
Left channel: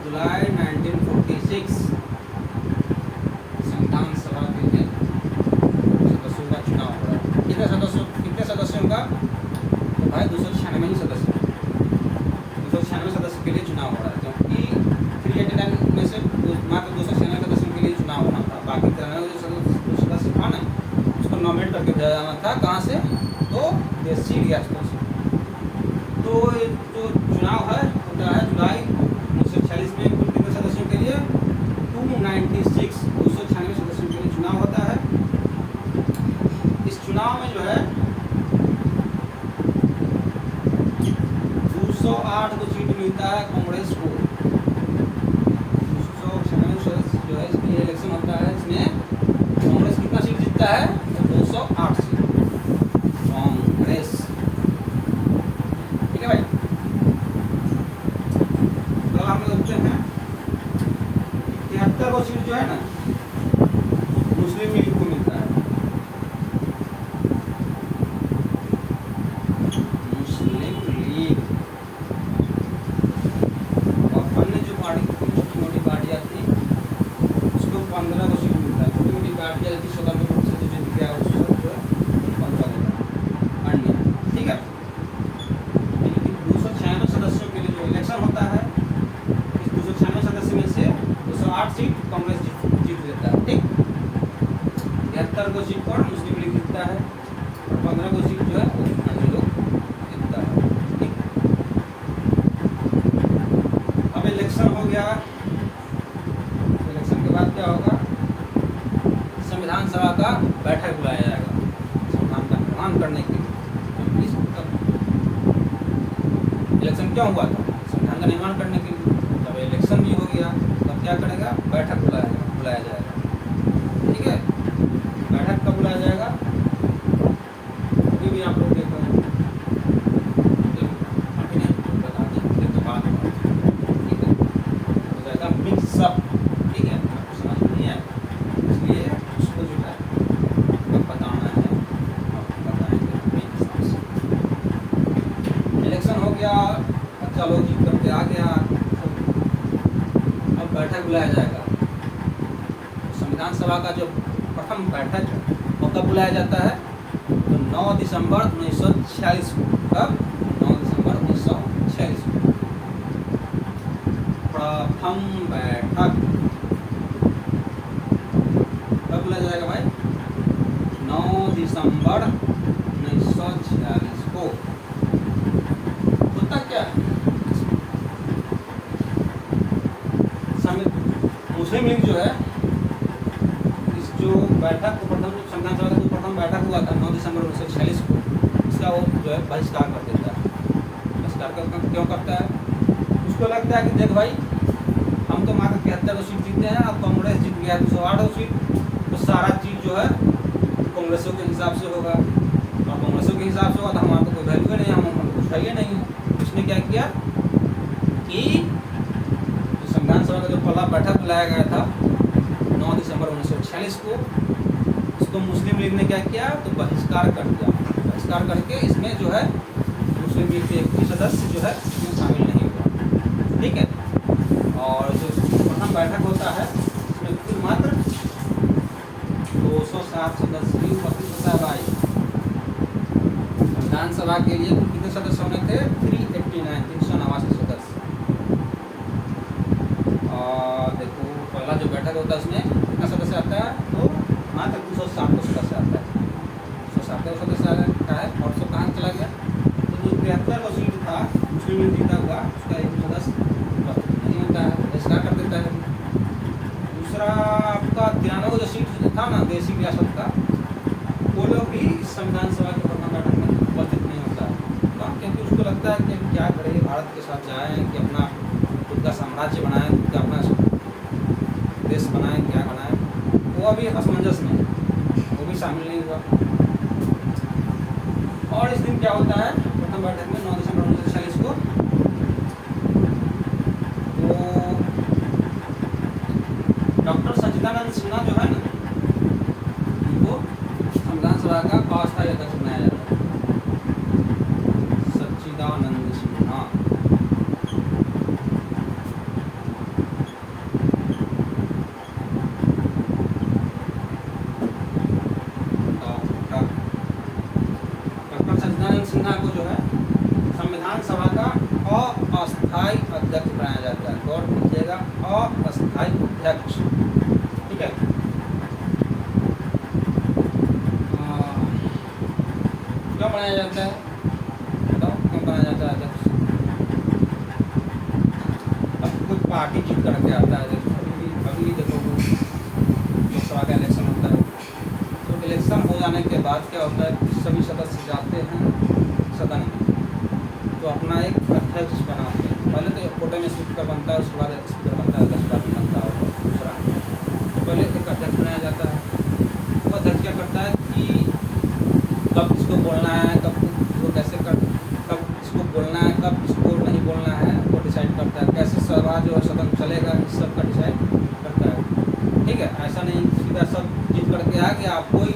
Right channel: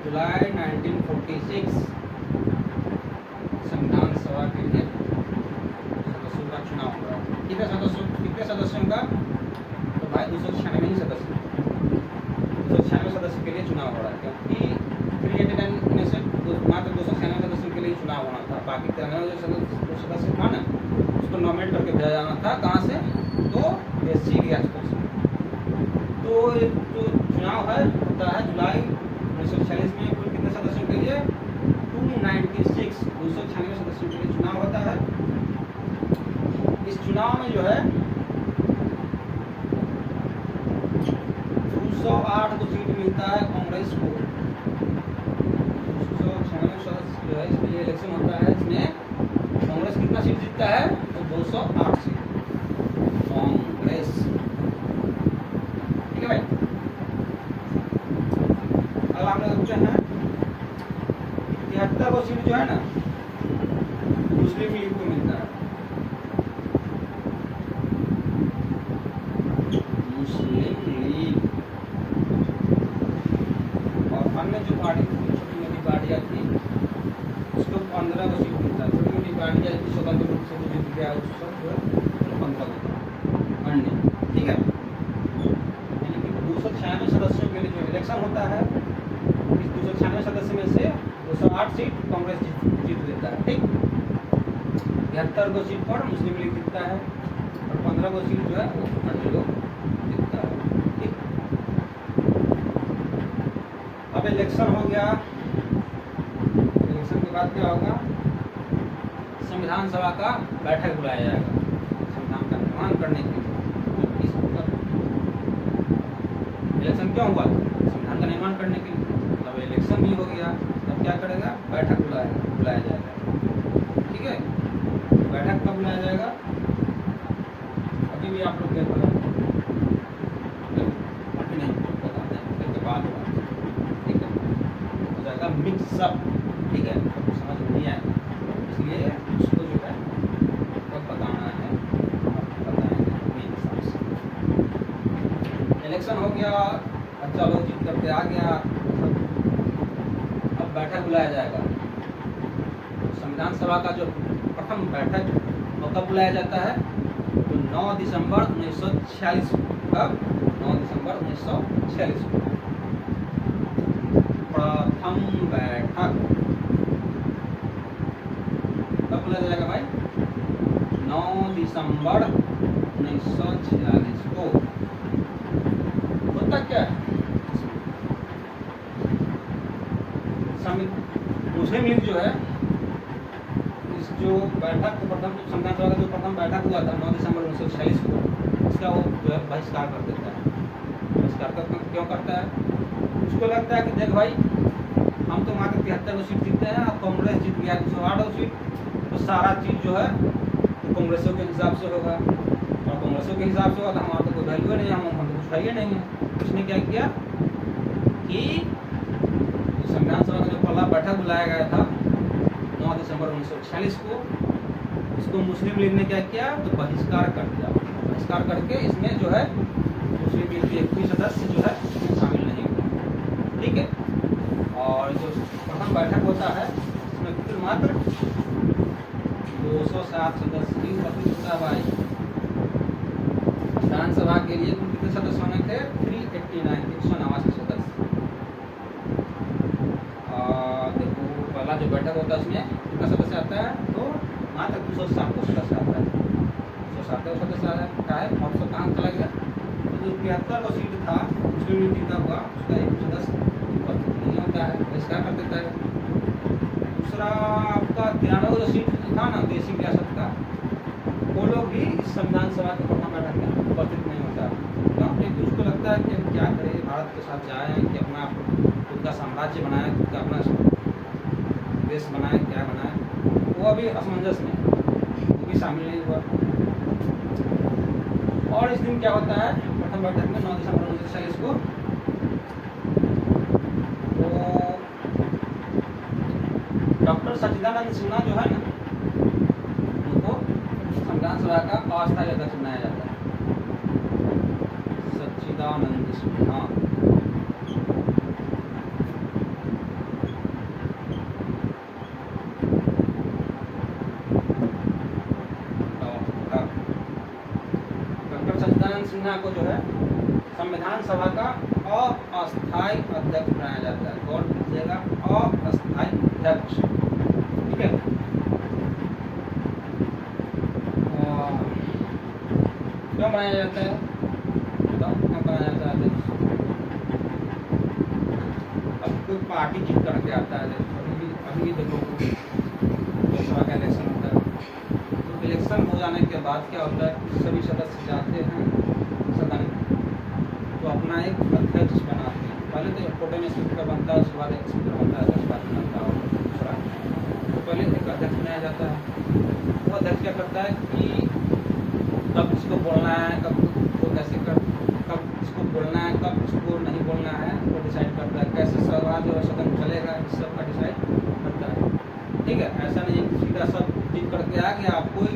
जुलाई 1946 संविधान सभा के लिए सदस्यों का चुनाव हो रहा है। कितने सदस्यों का? तो भाई 296 सदस्य, 296 सदस्य के लिए चुनाव हो रहा है, क्योंकि 389 में से मात्र 296 सदस्यों के लिए चुनाव होना था। बाकी 93 जो सदस्य था ना, उसको नॉमिनेट करके भेजा जाना था। कहाँ से? तो देशी रियासतों से। तो जो चुनाव है होता है जुलाई 1946 में। कुल कितने सदस्यों के लिए? 296 सदस्यों के लिए चुनाव होता है। इस चुनाव में जो है 208 को सीट मिलता है कांग्रेस को। 296 सदस्य जो है इसके लिए इलेक्शन होता है। इसमें कांग्रेस कितना सीट जीतता है? तो 208 सीट कांग्रेस। ठीक है भाई। कल हम लोग देखते हैं 73 को सीट जो है ना मुस्लिम लीग को मिलता है। मुस्लिम लीग और अन्य जो पार्टी छोटी मोटी पार्टियां थी उसको 15 को सीट मिलता है। छोटी मोटी पार्टियां थी स्वतंत्र रूप से जो जीत गया उसको 15 देता अन्य। ठीक है। 296 सदस्यों के लिए जो इलेक्शन होता है, इस 296 सदस्य में से 208 सीट कांग्रेस जीत लेता है। ठीक। 73 को सीट पर मुस्लिम लीग जीतता है और 15 को सीट जो है वो अन्य लोग जीतता है। ठीक। अब इलेक्शन हो गया। इलेक्शन के बाद क्या होगा? संविधान सभा का बैठक बुलाया जाएगा संविधान का निर्माण करने के लिए। इलेक्शन क्यों हुआ था? संविधान का निर्माण करने के लिए। तब इलेक्शन भी हो गया, तब क्या करेगा? बैठक बुलाया जाएगा। ठीक है। बैठक कब बुलाया जाएगा? अभी भी आप लोग देखो, अभी नहीं बता दें तो बात होगा। ठीक है। हो जाएगा मिक्सअप। ठीक है। आपको समझ नहीं आएगा, इसलिए उसको जो है बताना है, बताएंगे अपने हिसाब से। इलेक्शन हो गया, अच्छा लोग जीत करके आ गया। अब बैठक बुलाया जाएगा। संविधान सभा का जो प्रथम बैठक है वो कब बुलाया जाता है? तो 9 दिसंबर 1946 को। कब? 9 दिसंबर 1946 को प्रथम बैठक कब बुलाया जाएगा भाई? 9 दिसंबर 1946 को। होता क्या है? मुस्लिम लीग जो है इस जो बैठक को प्रथम संविधान सभा का जो प्रथम बैठक हुआ था 9 दिसंबर 1946 को, इसका वो जो है बहिष्कार कर देता है। बहिष्कार क्यों करता है? उसको लगता है कि देख भाई, हम तो मात्र 73 को सीट जीतते हैं, अब कांग्रेस जीत गया 208 सीट, तो सारा चीज़ जो है कांग्रेसों के हिसाब से होगा, और कांग्रेसों के हिसाब से होगा तो हमारा तो कोई वैल्यू ही नहीं, हम कुछ है नहीं है। उसने क्या किया कि संविधान सभा का जो पहला बैठक बुलाया गया था 9 दिसंबर 1946 को, इसको मुस्लिम लीग ने क्या किया? तो बहिष्कार कर दिया। बहिष्कार करके इसमें जो है मुस्लिम लीग के कोई सदस्य जो है इसमें शामिल नहीं हुआ। ठीक है। और जो प्रथम बैठक होता है इसमें कुल मात्र 207 सदस्य ही उपस्थित होता है भाई। संविधान सभा के लिए कुल कितने सदस्य होने थे? 389 सदस्य। देखो पहला जो बैठक होता है उसमें कितना सदस्य आता है? तो मात्र 207 सदस्य आता है। 207 सदस्य आता है। और सब कहाँ चला गया? तो जो 73 का सीट था मुस्लिम लीग जीता हुआ, उसका एक सदस्य नहीं होता है, बहिष्कार कर देता है। दूसरा आपका 93 जो सीट था ना देशी रियासत का, वो लोग भी इस संविधान सभा के प्रथम बैठक में उपस्थित नहीं होता है, क्योंकि उसको लगता है कि क्या करें, भारत के साथ जाएँ कि अपना खुद का साम्राज्य बनाएं, खुद का अपना देश बनाएं, क्या बनाएं, वो अभी असमंजस में है, वो भी शामिल नहीं हुआ। और इस दिन क्या होता है प्रथम बैठक में 9 दिसंबर 1946 को, तो डॉक्टर सच्चिदानंद सिन्हा जो है ना, उनको संविधान सभा का अस्थायी अध्यक्ष बनाया जाता है। अध्यक्ष बनाया जाता है। गौर कीजिएगा, अस्थायी अध्यक्ष, ठीक है। क्यों बनाया जाता है, बताओ क्यों बनाया जाता है अध्यक्ष? अब कोई पार्टी जीत करके आता है, अभी देखो लोकसभा का इलेक्शन होता है, तो इलेक्शन हो जाने के बाद क्या होता है, सभी सदस्य जाते हैं सदन में, तो अपना एक अध्यक्ष बनाते हैं। पहले तो कोटे में स्पीकर बनता है, उसके बाद स्पीकर बनता है, 10 पार्टी बनता है, और दूसरा तो पहले एक अध्यक्ष बनाया जाता है। वो अध्यक्ष क्या करता है कि कब किसको बोलना है, कब को कैसे कर, कब किसको बोलना है, कब किसको नहीं बोलना है, वो डिसाइड करता है। कैसे सभा जो सदन चलेगा, इस सब का डिसाइड करता है, ठीक है। ऐसा नहीं सीधा सब जीत करके आ गया, आप कोई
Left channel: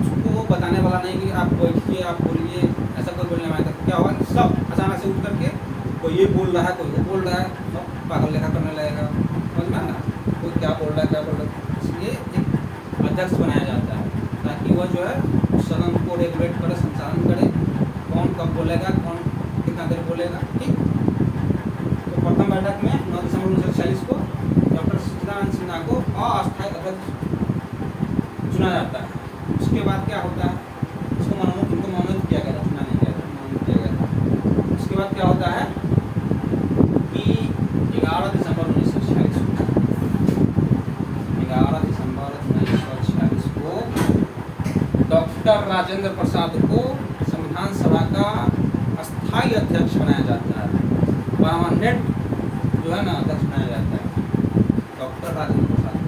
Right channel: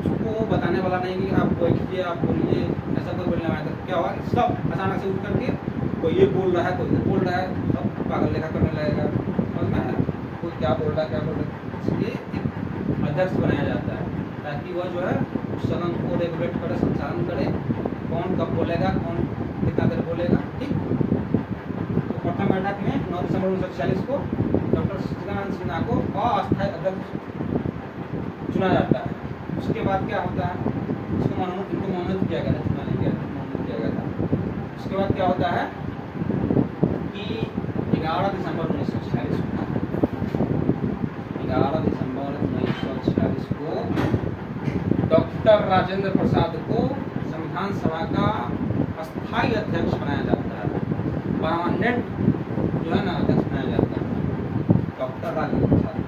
उसको बताने वाला नहीं कि आप बैठिए, आप बोलिए, ऐसा कोई बोलने वाला। क्या होगा, सब अचानक से उठ करके कोई ये बोल रहा है, कोई वो बोल रहा है, सब पागल लेखा करने लगेगा, समझ में आया? कोई क्या बोल रहा है, क्या बोल रहा है। इसलिए एक अध्यक्ष बनाया जाता है, ताकि वह जो है सदन को रेगुलेट करे, संचालन करे, कौन कब बोलेगा, कौन कितना देर बोलेगा, ठीक। तो प्रथम बैठक में 9 दिसंबर 1946 को डॉक्टर सच्चिदानंद सिन्हा को अस्थायी अध्यक्ष चुना जाता है। उसके बाद क्या होता है, उनको मनोनीत किया गया था, चुना नहीं गया था, मनोनीत किया गया था। उसके बाद क्या होता है कि 11 दिसंबर 1946 को डॉक्टर राजेंद्र प्रसाद को संविधान सभा का अस्थायी अध्यक्ष बनाया जाता है। परमानेंट जो है ना अध्यक्ष बनाया जाता है डॉक्टर राजेंद्र प्रसाद को।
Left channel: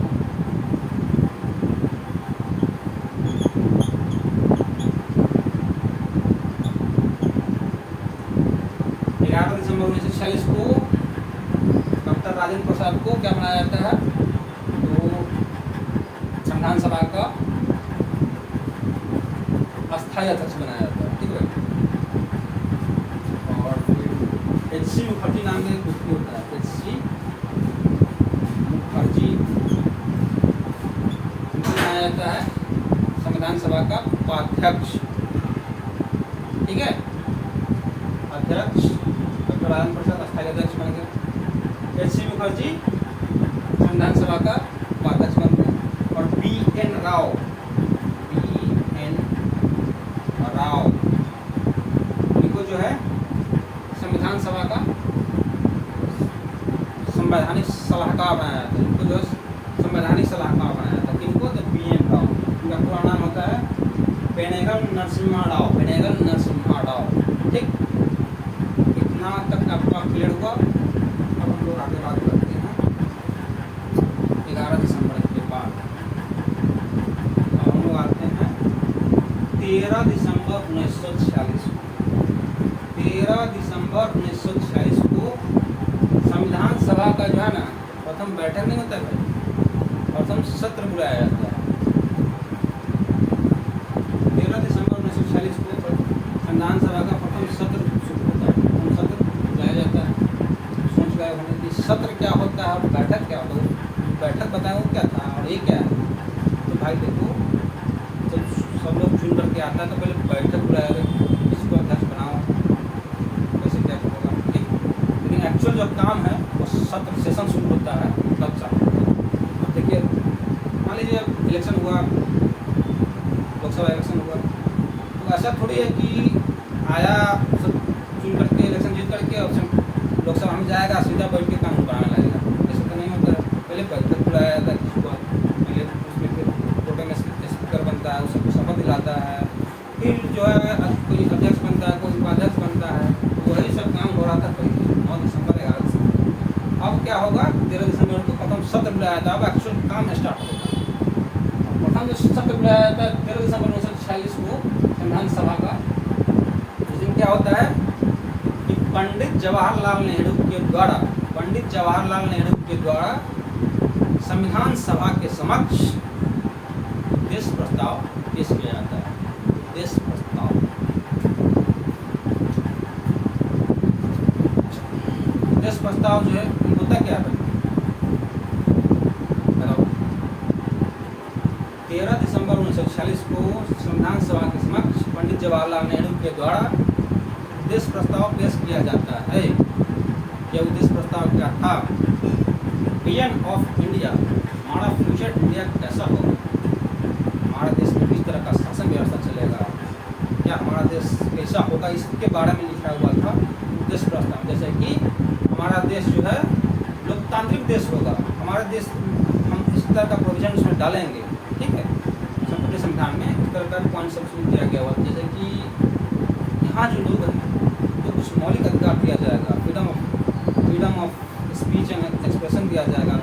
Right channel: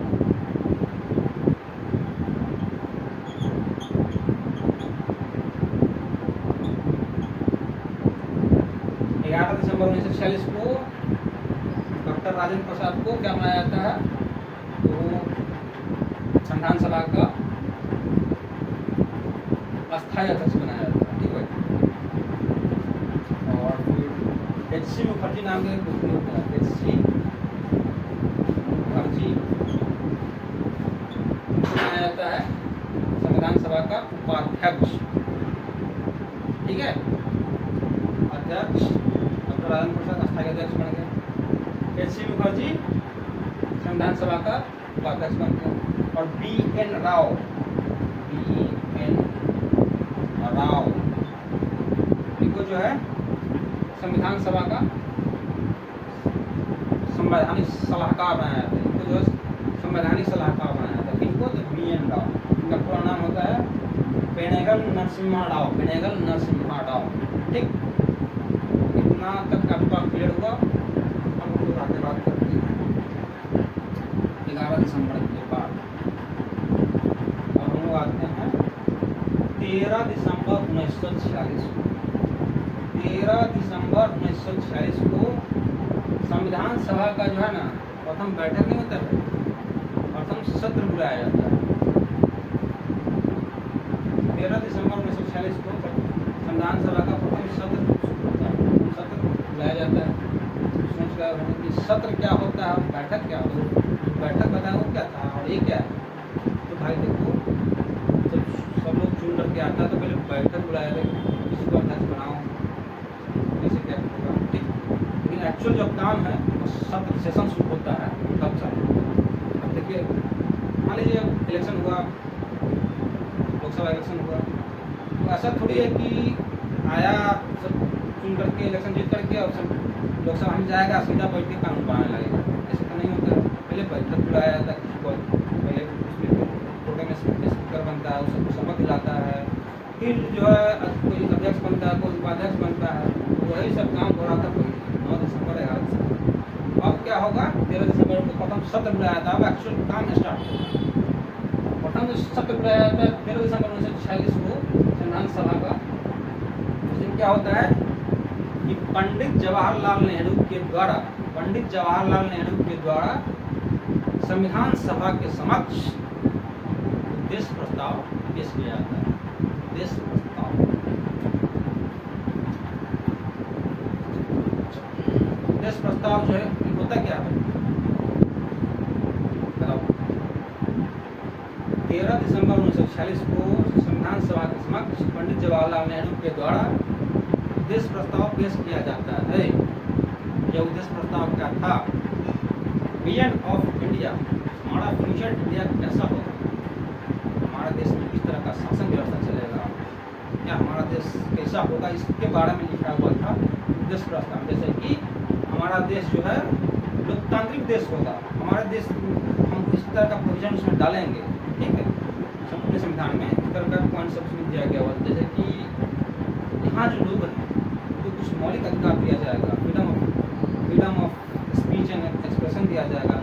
11 दिसंबर 1946 को डॉक्टर राजेंद्र प्रसाद को क्या बनाया जाता है, तो संविधान सभा का अस्थायी अध्यक्ष बनाया जाता है, ठीक है। और फिर H.C. मुखर्जी नाम का एक व्यक्ति होता है, H.C. मुखर्जी बनाया जाता है संविधान सभा का उपाध्यक्ष, ठीक है। अध्यक्ष डॉक्टर राजेंद्र प्रसाद अस्थायी अध्यक्ष बन गए। H.C. मुखर्जी संविधान सभा का उपाध्यक्ष बन गए। और B.N. राव इनको जो है संविधान सभा का संवैधानिक सलाहकार बनाया था। इनको जो है संवैधानिक सलाहकार बनाया था। इनको तो B.N. राव, इनका पूरा नाम होता है पेनेगल नरसिम्हा राव, ठीक। इतना तक आपका क्लियर हुआ। अब हम लोग आगे बात करते हैं 11 दिसंबर के बाद। अब हम लोग आते हैं 13 दिसंबर 1946 को। 13 दिसंबर 1946 को संविधान सभा का जो है ना प्रथम बैठक नहीं होता है, प्रथम सत्र बुलाया जाता है। 13 दिसंबर 1946 को संविधान सभा का प्रथम सत्र शुरू होता है, प्रथम सत्र बुलाया जाता है। सोच रहे होंगे कि सत्र क्या होता है और बैठक क्या होता है। बैठक बताया वो क्या था और ये क्या है, तो भाई देखो जब सब लोग चुन करके आता है तो पहले बैठक बुलाया जाए, इसको अध्यक्ष बनाओ, ऐसे क्या होगा, ठीक। लेकिन एक्चुअल जो काम है वो सत्र सेशन शुरू होता है तब चालू होता है। अब देखिए मान लीजिए इलेक्शन हुआ, लोकसभा इलेक्शन हुआ, तो ऐसा थोड़ी है कि आया सब चुन करके इलेक्शन जीत करके और लोकसभा में जाएगा सीधा बैठ के कानून बनाने लगेगा, ऐसा तो नहीं होता है। पहले बैठक बुलाया जाता है किसको, पहले उसमें फिर कोटे में स्पीकर बनता है, उसको शपथ दिलाता है, फिर जो है कोई अध्यक्ष बनता है, कोई उपाध्यक्ष बनता है, वही सब काम हो रहा था। कोई 9 दिसंबर 11 दिसंबर। अब क्या होगा, 13 दिसंबर को प्रथम सत्र बुलाया था। अब एक्चुअल काम स्टार्ट होगा। प्रथम जो सत्र बुलाया जाता है 13 दिसंबर 1946 को संविधान सभा का, उस दिन क्या होता है कि पंडित जवाहरलाल नेहरू के द्वारा संविधान सभा के समक्ष देश प्रस्ताव पेश किया जाता है। देश प्रस्ताव जो है होता क्या है, बताओ। 13 दिसंबर 1946 को संविधान सभा के समक्ष पंडित जवाहरलाल नेहरू के द्वारा देश प्रस्ताव पेश किया जाता है। यह उद्देश्य प्रस्ताव क्या था? विजन ऑफ इंडिया, हमारा फ्यूचर इंडिया कैसा होगा, हमारे देश में किस तरह का शासन व्यवस्था चलेगा, क्या हमारा देश कैसा होगा, इसके बारे में लिखा हुआ था उद्देश्य प्रस्ताव। जैसे कि हमारा देश जो है लोकतांत्रिक देश होगा, हमारा देश हम इस तरह का प्रोविजन उसमें डालेंगे, ठीक है। अपने संविधान में इस तरह का पॉइंट सब दिया गया हुआ, जैसे कि यहाँ जो लोग हैं तो कुछ मौलिक अधिकार दिया जाएगा, freedom of speech and expression दिया जाएगा।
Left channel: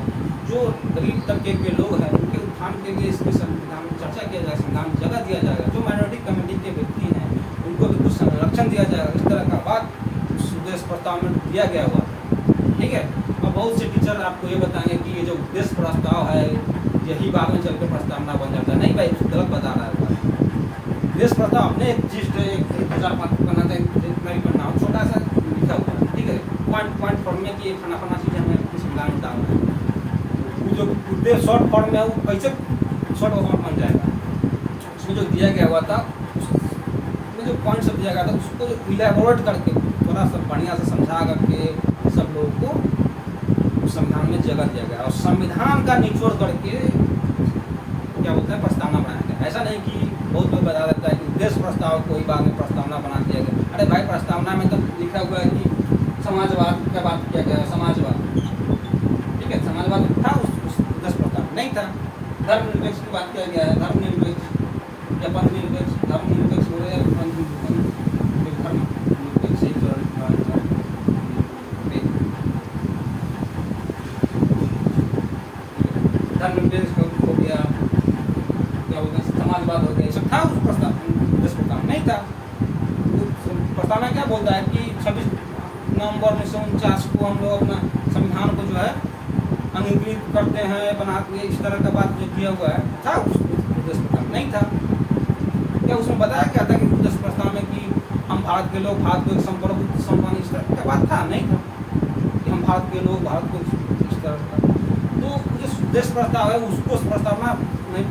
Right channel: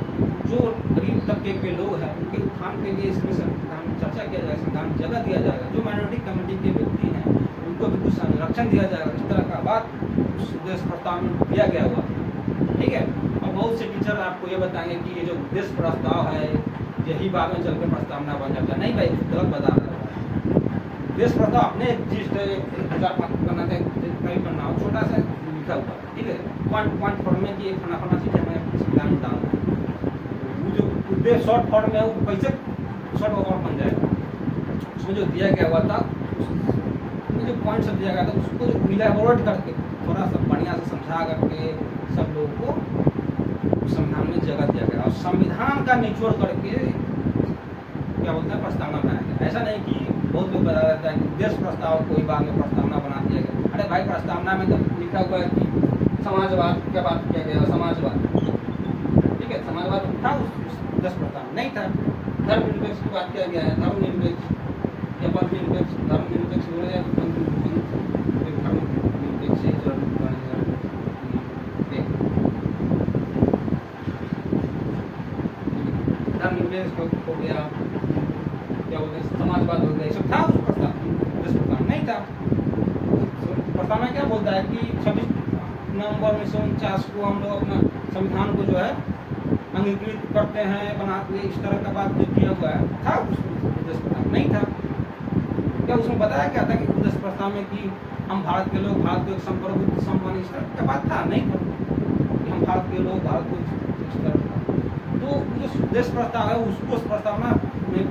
जो गरीब तबके के लोग हैं उनके उत्थान के लिए इसमें संविधान में चर्चा किया जाएगा, संविधान में जगह दिया जाएगा। जो माइनॉरिटी कम्युनिटी के व्यक्ति हैं उनको भी कुछ संरक्षण दिया जाएगा। इस तरह का बात उद्देश्य प्रस्ताव में दिया गया हुआ, ठीक है। और बहुत से टीचर आपको ये बताएंगे कि ये जो उद्देश्य प्रस्ताव है यही बाद में चल के प्रस्तावना बन जाता है। नहीं भाई, गलत बता रहा है। उद्देश्य प्रस्ताव अपने जिस 2005 पढ़ना नहीं पढ़ना हो, छोटा सा लिखा हुआ है, ठीक है। पॉइंट फॉर्म में कि फना चीज़ हमें संविधान में डालना है। वो जो उद्देश्य शॉर्ट फॉर्म में है वो कैसे शॉर्ट फॉर्म बन जाएगा, उसमें जो दिया गया हुआ था उसमें जो पॉइंट सब दिया गया था उसको इलेबोरेट करके थोड़ा सा बढ़िया से समझा करके सब लोगों को संविधान में जगह दिया गया और संविधान का निचोड़ करके क्या बोलते हैं प्रस्तावना बनाया गया। ऐसा नहीं कि बहुत लोग बता देता है कि उद्देश्य प्रस्ताव कोई बाद में प्रस्तावना बना दिया गया। अरे भाई, प्रस्तावना में तो लिखा हुआ है कि समाजवाद क्या बात किया गया, समाजवाद, ठीक है। समाजवाद था उस उद्देश्य प्रस्ताव नहीं था। धर्मनिरपेक्ष की बात किया गया है, धर्मनिरपेक्ष या पंथनिरपेक्ष, धर्मनिरपेक्ष बोले या धर्मनिरपेक्ष हो गया, क्या बोलते हैं समाजवाद हो गया, ये सब था उस प्रस्ताव नहीं था। प्रस्ताव में क्या बोलता है कि 26 नवंबर 1949 को हम लोग अपना संविधान को जो है अंगीकृत करते हैं, बनाते, इस तरह का बात जो किया हुआ है था उस उद्देश्य प्रस्ताव नहीं था। क्या उसमें बताया क्या था कि उद्देश्य प्रस्ताव में कि हम भारत के लोग भारत को एक संप्रभुत्व संपन्न इस तरह का बात था? नहीं था कि हम भारत के लोग भारत को इस तरह का। तो जो उद्देश्य प्रस्ताव है उसको उस प्रस्तावना नहीं,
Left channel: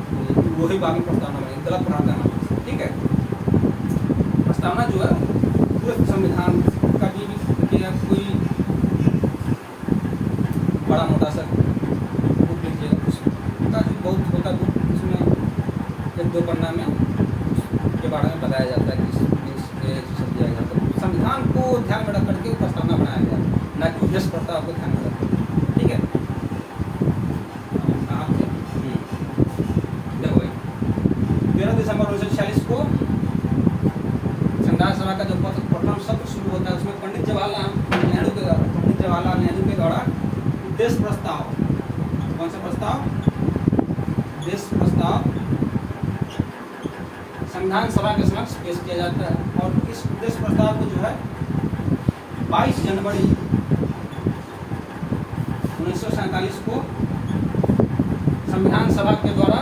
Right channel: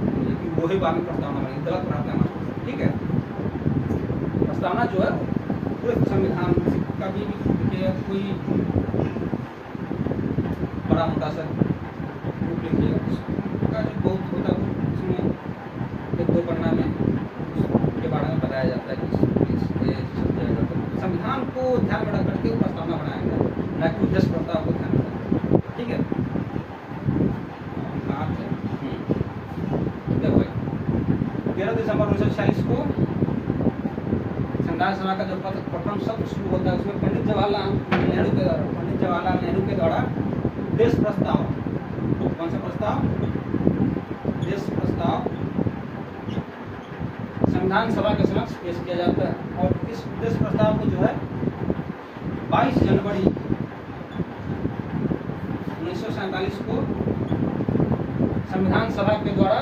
वही बाकी प्रस्तावना बनेगी, गलत बनाता है, ठीक है। प्रस्तावना जो है पूरे संविधान का भी कोई बड़ा मोटा सा बुक लीजिएगा, उसका जो बहुत छोटा बुक, उसमें 1-2 पन्ना में के बारे में बताया जाता है कि तो संविधान को ध्यान में रख करके प्रस्तावना बनाया गया, न कि उद्देश्य प्रस्ताव को ध्यान में रख, ठीक है। 13 दिसंबर 1946 को संविधान सभा का जो प्रथम सत्र शुरू होता है उसमें पंडित जवाहरलाल नेहरू के द्वारा उद्देश्य प्रस्ताव, कौन सा प्रस्ताव? उद्देश्य प्रस्ताव संविधान सभा के समक्ष पेश किया जाता है। और इस उद्देश्य प्रस्ताव को जो है 22 जनवरी 1947 को संविधान सभा के द्वारा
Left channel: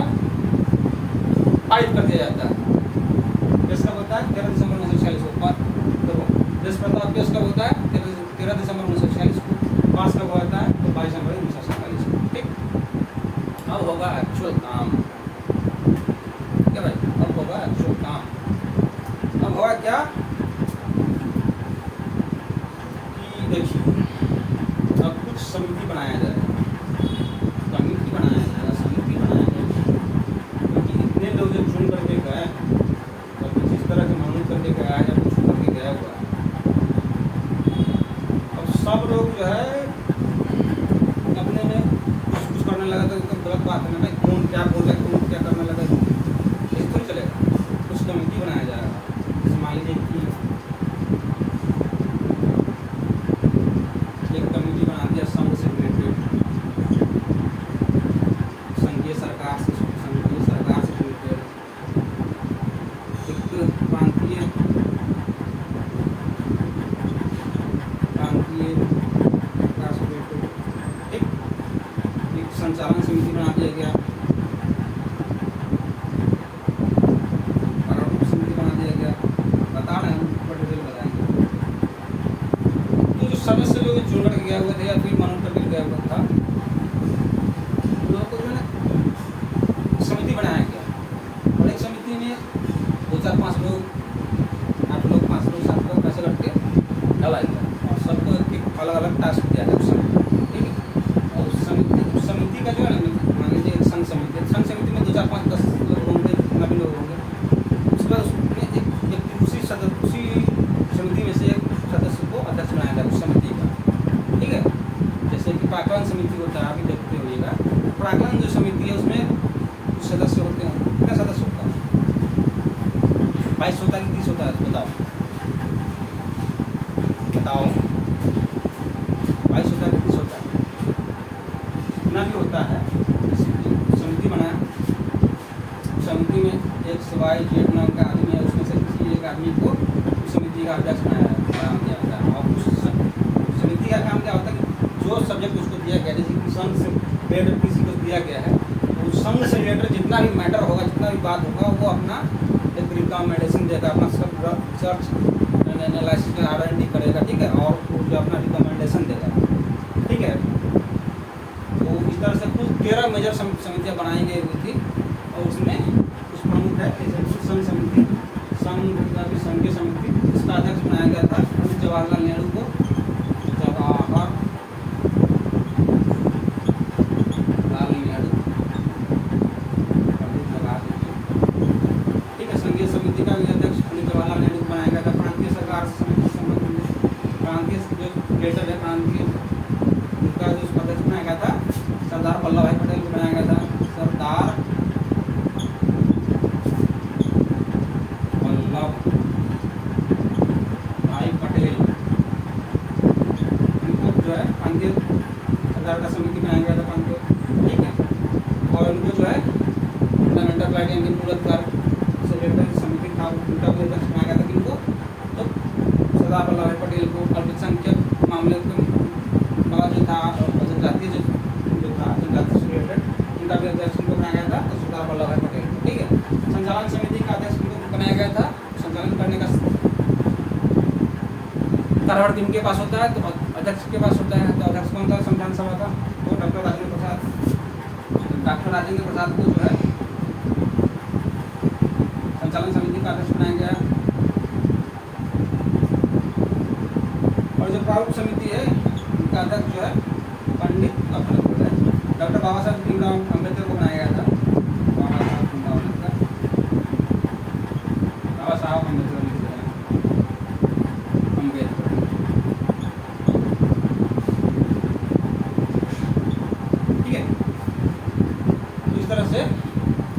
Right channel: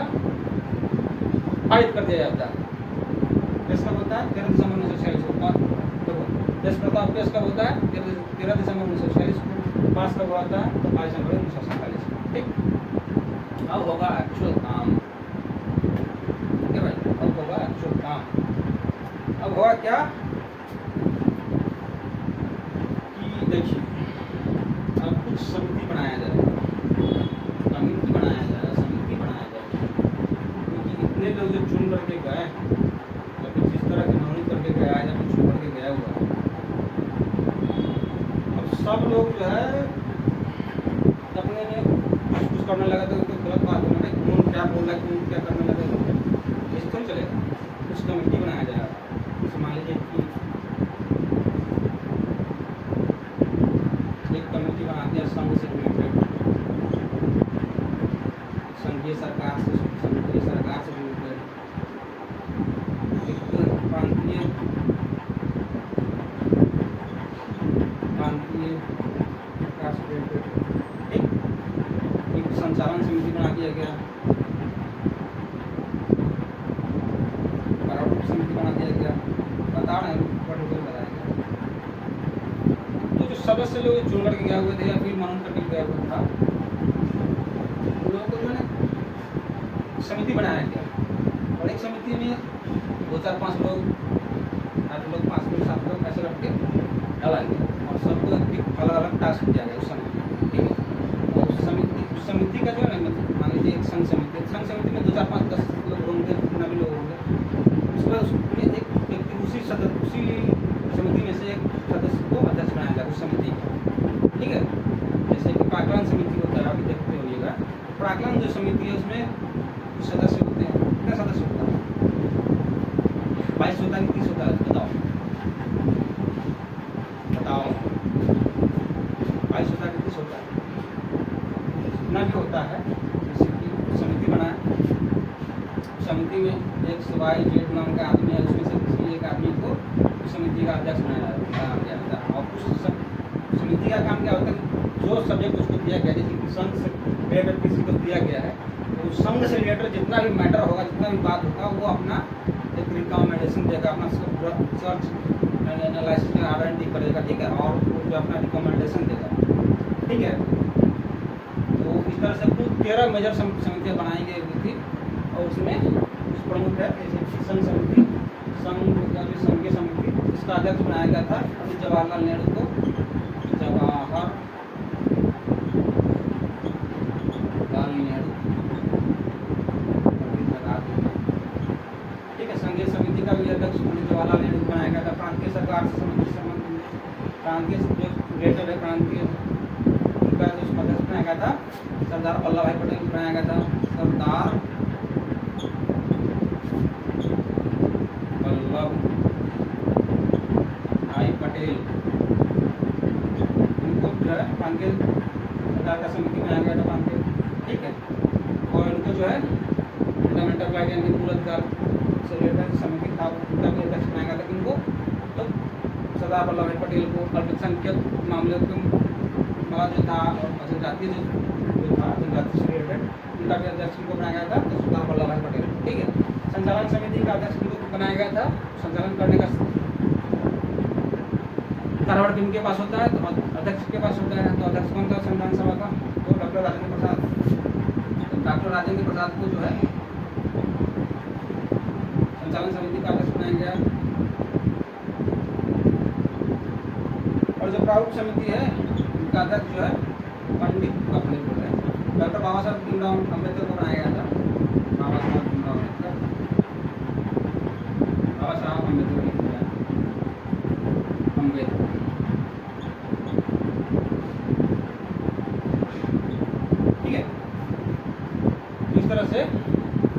पारित कर दिया जाता है। पेश कब होता है? 13 दिसंबर 1946 को। उद्देश्य प्रस्ताव पेश कब होता है? 13 दिसंबर 1946 को। पास कब होता है? तो 22 जनवरी 1947 को, ठीक। अब होगा एक्चुअल काम, क्या भाई? अब होगा एक्चुअल काम। अब होगा क्या कि देखिए, अब कुछ समिति बनाया जाएगा, समिति बनाया जाएगा, क्योंकि इतने लोग जो चुन करके गए और कुछ इस तरह के मनोनीत करके गया है या कुछ करके गया हुआ है, अब सब लोग जो है अपने में कुछ करने लगा तो गलत बात है ना, कौन क्या बोल रहा है, कौन क्या करने लगा, इस तो चलेगा। कुछ कमेटी बनाया जाएगा, जैसे मान लीजिए कि एक कमेटी बना दिया संघ से रिलेटेड, संघीय सरकार से, संघीय सरकार से रिलेटेड, एक प्रांतीय विकास से रिलेटेड, एक संचालन समिति बना दिया गया, समिति बना दिया गया, बता रहे हैं डिटेल बताएंगे। तो जो सदस्य लोग चुन करके गए हुए थे या फिर मनन करके गया हुआ था, उन लोगों को जो है समिति बनाया गया और एक समिति में 2, 4, 5 लोग, 8 लोग, 5 लोग, 7 लोग ऐसे रख के डाला गया और सबको एक अलग अलग टास्क प्राक्कलन समिति होता है, अभी देखते होइएगा। प्राक्कलन जो समिति है उसमें कुछ सदस्य होते हैं, कितने सदस्य होता है? 22 होता है कि 30 होता है? बताओ बताओ, 22 होता है कि 30 होता है? जितना भी होता है, समिति बना, समिति में एक सिवाय जेठ नाम का आदमी है, उसमें से किसी एक आदमी को समिति का अध्यक्ष बनाया गया है। और उस समिति का काम क्या होता है कि जो सब्जेक्ट उसको दिया गया, जैसे कि संघ से रिलेटेड किसी को दिया गया है, तो संघ से रिलेटेड जितना भी मैटर होगा, जितना भी बात होगा, वो अपना एक रिकमेंडेशन देगा, अपना सब रिसर्च एनालिसिस में R&D करेगा, ठीक है, और जो अपना रिकमेंडेशन देगा, ठीक है। तो इस तरह से कुल 13 मेजर समितियाँ बनाई गई हुई थी, और उसमें कुछ प्रमुख है, जैसे संघ समिति, संघ की समिति, इसका अध्यक्ष बनाया गया था पंडित जवाहरलाल नेहरू को। जवाहरलाल नेहरू, ठीक है। संघीय समिति का भी अध्यक्ष पंडित जवाहरलाल नेहरू को बनाया गया था। प्रांतीय सरकार से समिति से संबंधित प्रांतीय जो ग्रेटर है, प्रांतीय उनका जो अध्यक्ष बनाया गया था सरदार वल्लभ भाई पटेल को बनाया गया था। सरदार भाई पटेल, उनको जो है प्रांतीय सरकार का समिति बनाया गया था, प्रांतीय, ठीक है। और उनको जो है फंडामेंटल राइट एंड मूल अधिकार से रिलेटेड समिति था, उनका भी अध्यक्ष बनाया गया था। किनको? तो सरदार वल्लभ भाई पटेल को। अल्पसंख्यक मामले का जो था, जनजातीय जो था, जनजाति से रिलेटेड, उनका भी अध्यक्ष को बनाया गया था, तो सरदार वल्लभ भाई पटेल, ठीक है। संचालन समिति का अध्यक्ष को बनाया गया था। संचालन करने का कार्यभार किनके पास होता है? तो अध्यक्ष के पास होता है। तो अध्यक्ष कौन था संविधान सभा का? तो डॉक्टर राजेंद्र प्रसाद। डॉक्टर राजेंद्र प्रसाद को जो है संचालन समिति का अध्यक्ष बनाया गया। और जो प्रारूप समिति है, उनका अध्यक्ष जो है पंडित डॉक्टर बाबा साहब भीमराव अम्बेडकर को बनाया गया था। बाबा साहब भीमराव अम्बेडकर, बाबा साहब अम्बेडकर, ठीक है। तो इस तरह से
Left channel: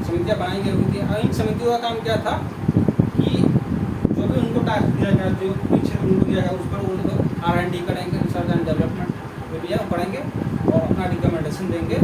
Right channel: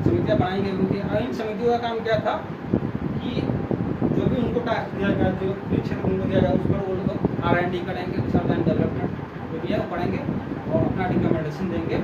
समितियाँ बनाई गई हुई थी। और इन समितियों का काम क्या था कि जो भी उनको टास्क दिया गया, जो भी क्षेत्र उनको दिया गया, उस पर वो R&D करेंगे, रिसर्च एंड डेवलपमेंट जो भी है वो करेंगे, और अपना रिकमेंडेशन देंगे